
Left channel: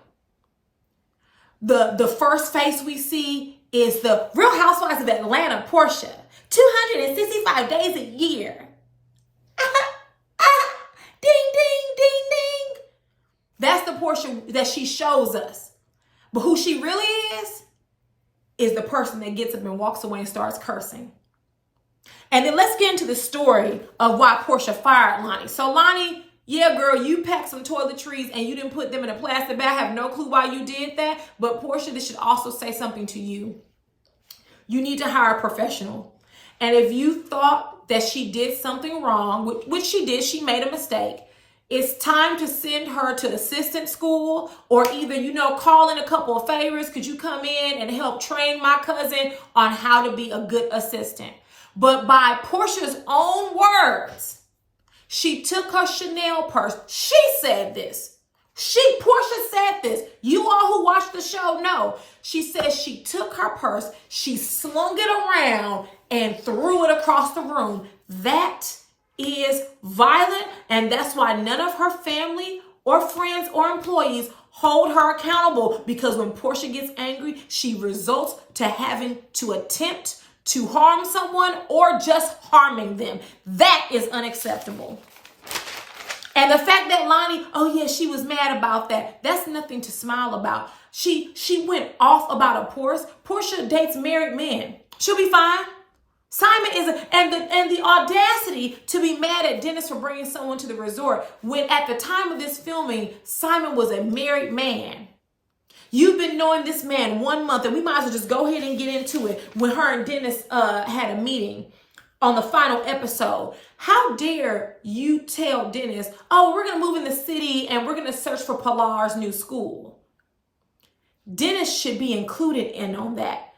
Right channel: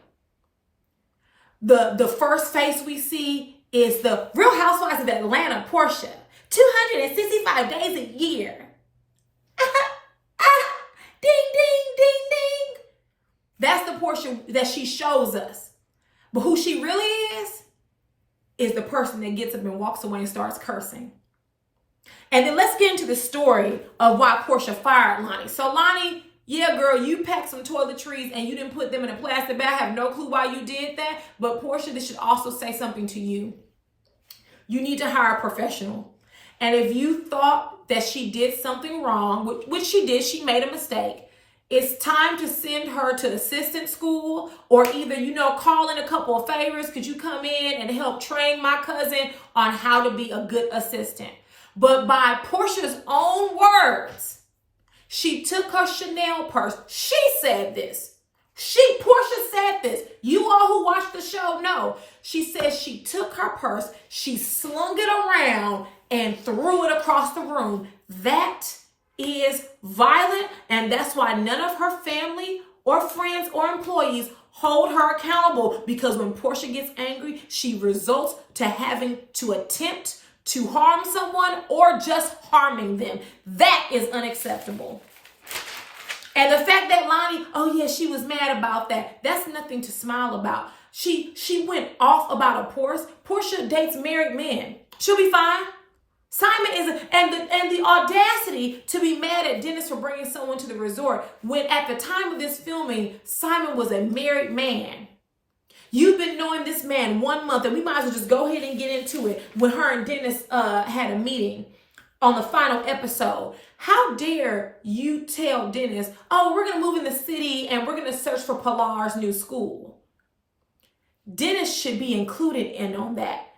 The first face we see is the Real Housewives of Atlanta, Porsha. 265 days a year. Ding, ding, ding, ding. That's the Porsha that she shows us. But who she really is the person that gets up and walks away and starts cursing. And then let's get into the story of why Porsha fired Lonnie. So Lonnie, yeah, girl, you packed some toiletries and you didn't put them in a plastic bag. I have no clue why you did that. But Porsha, this should also say something to you. You need to hire a professional. And if you thought that she did something wrong, which she did, she made a mistake, it's time to send her to assistant school or either, call in a couple of favors. Could you come in and help train my cousin on how to be a good assistant? But by Porsha's own words, she took her Chanel purse. She said this. Porsha said this. You all who watch the show know. She says she took her purse, she slung it around and threw it across the room. That is violent, and that's why none of her family or friends or employees hold her accountable, because when Porsha gets angry, she results to having to attempt to harm someone or just harming them. That is unacceptable. And the fact that Lonnie, oh yeah, she was mad about that, that's nothing to smile about. She went off about a Porsche. Porsha dates married men. She'll be fine. Simon and the audacity to be mad at Dennis for bringing someone to the resort when at the time of this filming, Simon was a married man. You've been knowing this man 1 month, and we might as well just go ahead and get into it. When her and Dennis had a meeting on the final episode, how dare you tell Dennis, oh, we're going to move in the city and we're going to search for Pilar's new school. Dennis should be included in on that.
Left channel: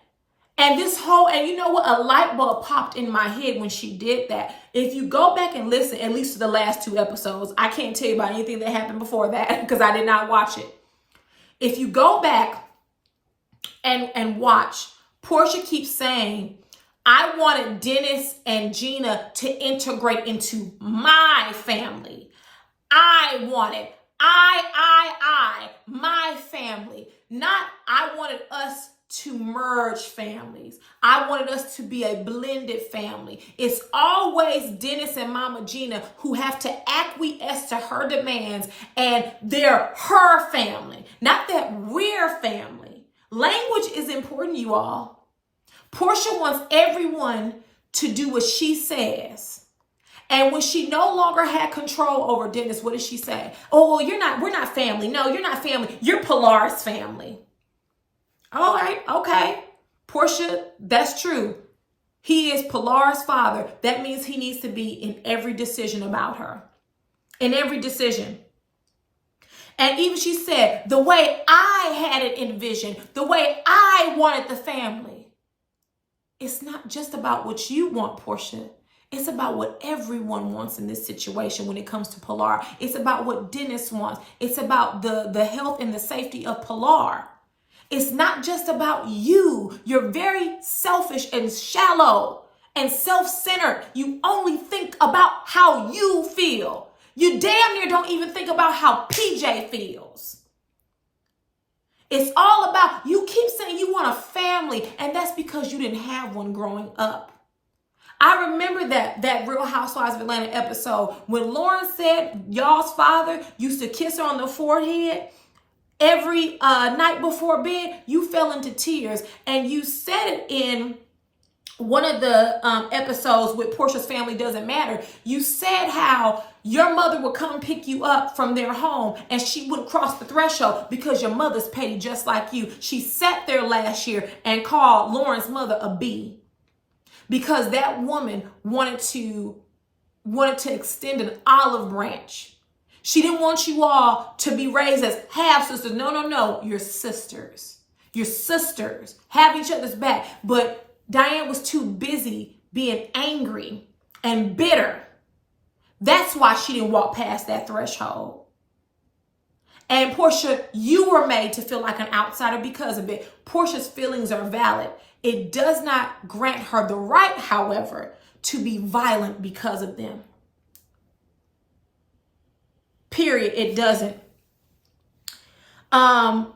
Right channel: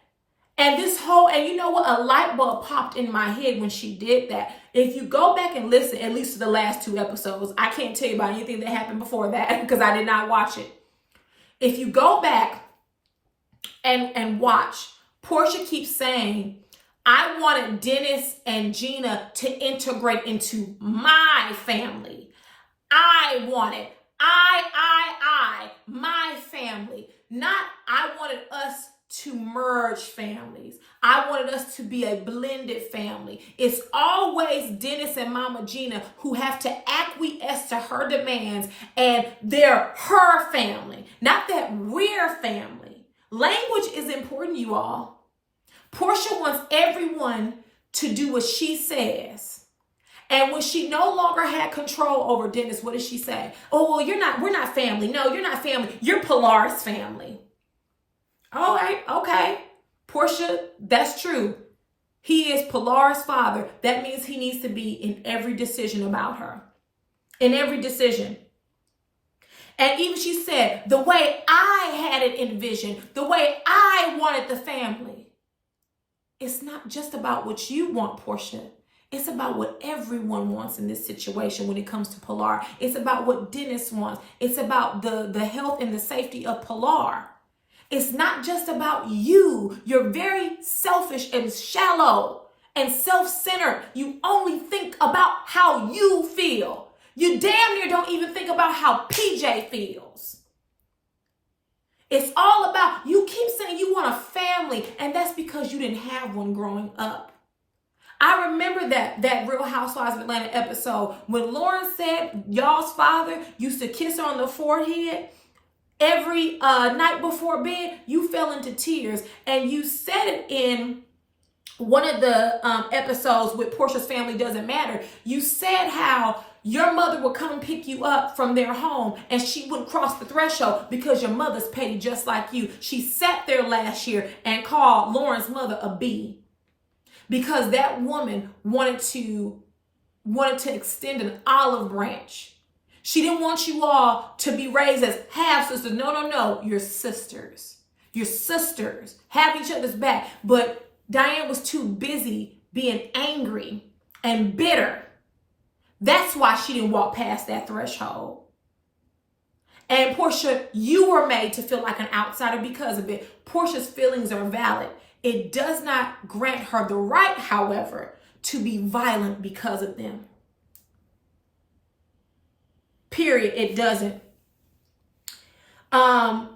And and you know what? A light bulb popped in my head when she did that. If you go back and listen, at least to the last 2 episodes, I can't tell you about anything that happened before that because I did not watch it. If you go back and watch, Porsha keeps saying, I wanted Dennis and Gina to integrate into my family. I wanted, my family. Not, I wanted us to merge families. I wanted us to be a blended family. It's always Dennis and Mama Gina who have to acquiesce to her demands, and they're her family, not that we're family. Language is important, you all. Porsha wants everyone to do what she says. And when she no longer had control over Dennis, what did she say? Oh, well, we're not family. No, you're not family. You're Pilar's family. All right, okay. Porsha, that's true. He is Pilar's father. That means he needs to be in every decision about her. In every decision. And even she said, the way I had it envisioned, the way I wanted the family. It's not just about what you want, Porsha. It's about what everyone wants in this situation when it comes to Pilar. It's about what Dennis wants. It's about the health and the safety of Pilar. It's not just about you. You're very selfish and shallow and self-centered. You only think about how you feel. You damn near don't even think about how PJ feels. It's all about, you keep saying you want a family, and that's because you didn't have one growing up. I remember that Real Housewives of Atlanta episode when Lauren said y'all's father used to kiss her on the forehead every night before bed. You fell into tears, and you said it in one of the episodes with Porsha's Family Doesn't Matter. You said how your mother would come pick you up from their home and she wouldn't cross the threshold because your mother's petty just like you. She sat there last year and called Lauren's mother a B because that woman wanted to extend an olive branch. She didn't want you all to be raised as half sisters. No. You're sisters. You're sisters. Have each other's back. But Diane was too busy being angry and bitter. That's why she didn't walk past that threshold. And Porsha, you were made to feel like an outsider because of it. Porsha's feelings are valid. It does not grant her the right, however, to be violent because of them. Period. It doesn't.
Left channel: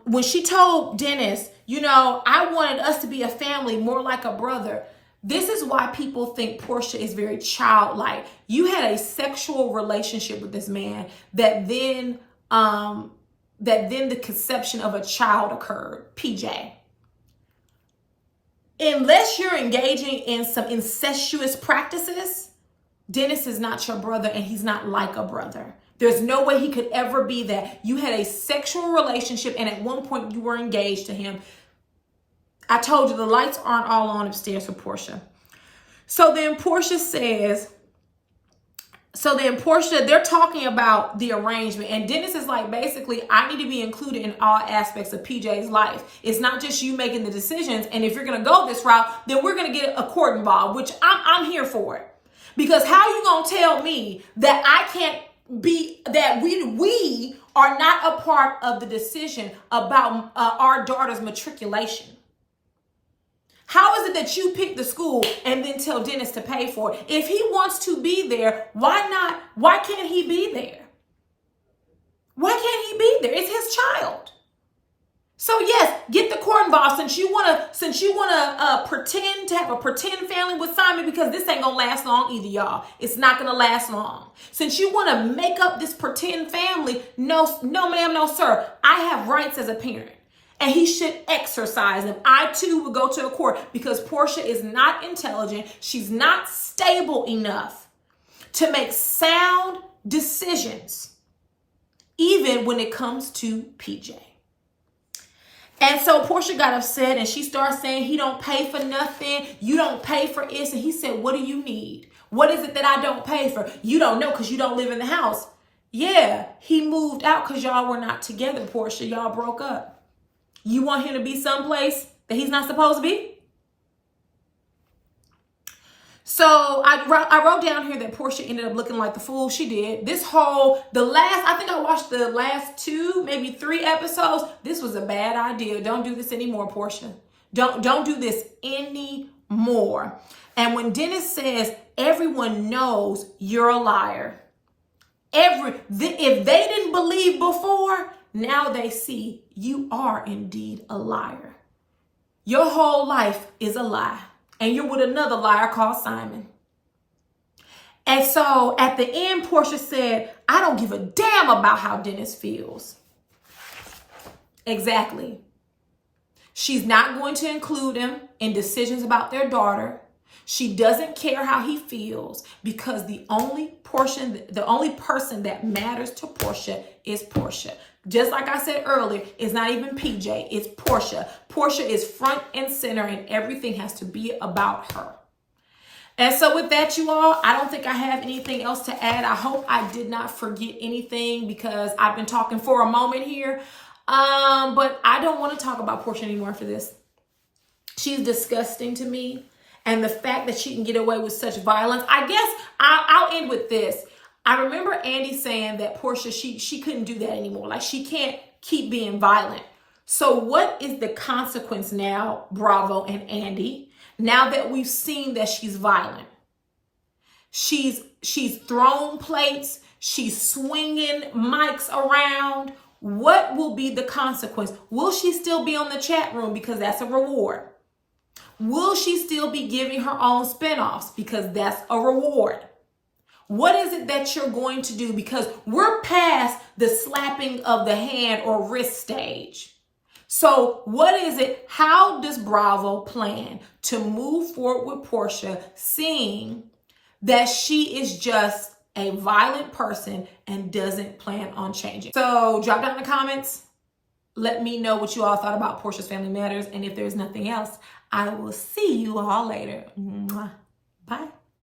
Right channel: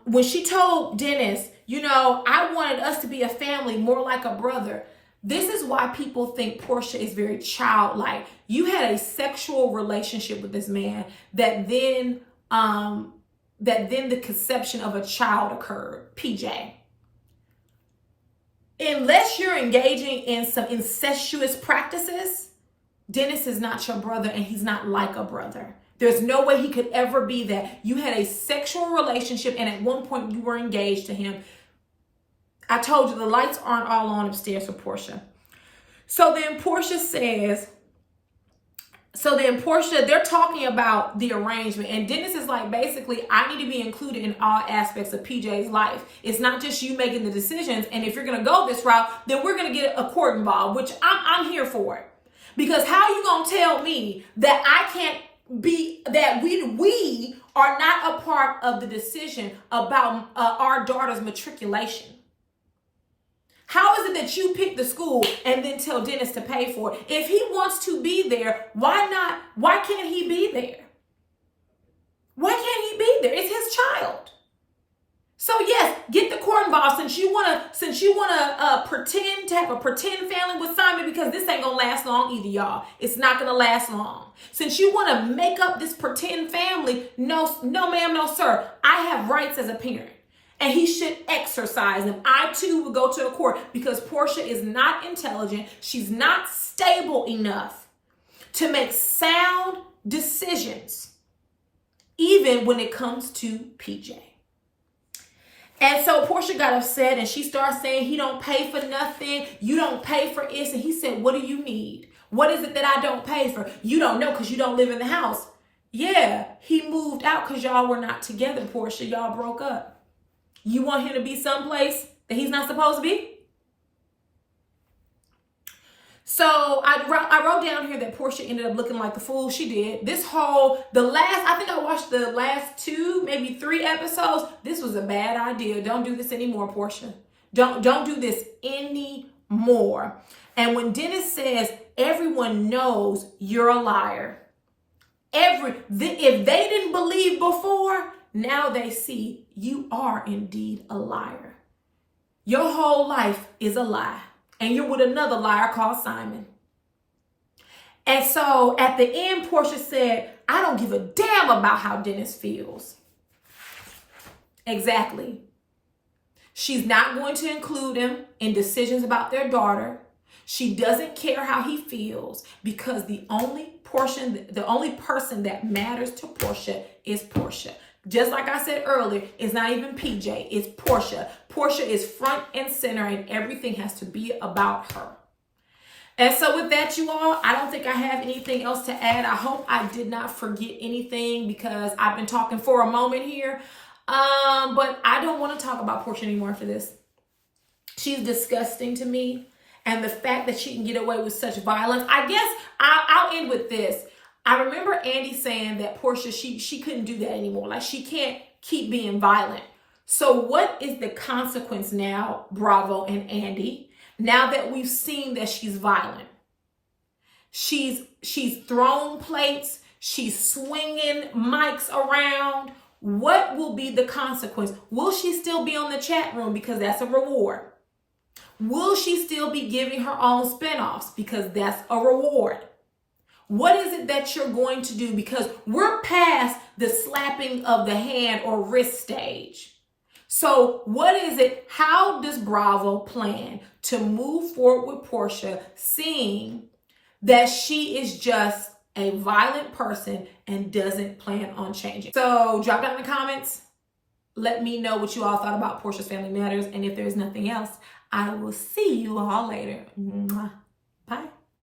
When she told Dennis, I wanted us to be a family more like a brother. This is why people think Porsha is very childlike. You had a sexual relationship with this man that then the conception of a child occurred. PJ. Unless you're engaging in some incestuous practices, Dennis is not your brother and he's not like a brother. There's no way he could ever be that. You had a sexual relationship and at one point you were engaged to him. I told you the lights aren't all on upstairs for Porsha. So then Porsha, they're talking about the arrangement. And Dennis is like, basically, I need to be included in all aspects of PJ's life. It's not just you making the decisions. And if you're going to go this route, then we're going to get a court involved, which I'm here for it. Because how are you going to tell me that I can't be, that we are not a part of the decision about our daughter's matriculation? How is it that you pick the school and then tell Dennis to pay for it? If he wants to be there, why not? Why can't he be there? Why can't he be there? It's his child. So yes, get the court involved since you wanna pretend to have a pretend family with Simon, because this ain't gonna last long either, y'all. It's not gonna last long. Since you want to make up this pretend family, no ma'am, no sir. I have rights as a parent. And he should exercise them. I too will go to the court because Porsha is not intelligent. She's not stable enough to make sound decisions, even when it comes to PJ. And so Porsha got upset and she started saying, he don't pay for nothing. You don't pay for it. And he said, what do you need? What is it that I don't pay for? You don't know because you don't live in the house. Yeah, he moved out because y'all were not together, Porsha. Y'all broke up. You want him to be someplace that he's not supposed to be? So I wrote down here that Porsha ended up looking like the fool she did. I think I watched the last 2, maybe 3 episodes. This was a bad idea. Don't do this anymore, Porsha. Don't do this anymore. And when Dennis says, everyone knows you're a liar. If they didn't believe before, now they see you are indeed a liar. Your whole life is a lie. And you're with another liar called Simon. And so at the end, Porsha said, I don't give a damn about how Dennis feels. Exactly. She's not going to include him in decisions about their daughter. She doesn't care how he feels because the only person that matters to Porsha is Porsha. Just like I said earlier, it's not even PJ, it's Porsha. Porsha is front and center and everything has to be about her. And so with that, you all, I don't think I have anything else to add. I hope I did not forget anything because I've been talking for a moment here. But I don't want to talk about Porsha anymore for this. She's disgusting to me. And the fact that she can get away with such violence, I guess I'll end with this. I remember Andy saying that Porsha, she couldn't do that anymore. Like she can't keep being violent. So what is the consequence now, Bravo and Andy, now that we've seen that she's violent? She's thrown plates. She's swinging mics around. What will be the consequence? Will she still be on the chat room because that's a reward? Will she still be giving her own spinoffs because that's a reward? What is it that you're going to do? Because we're past the slapping of the hand or wrist stage. So what is it? How does Bravo plan to move forward with Porsha, seeing that she is just a violent person and doesn't plan on changing? So drop down in the comments. Let me know what you all thought about Porsha's Family Matters. And if there's nothing else, I will see you all later. Bye.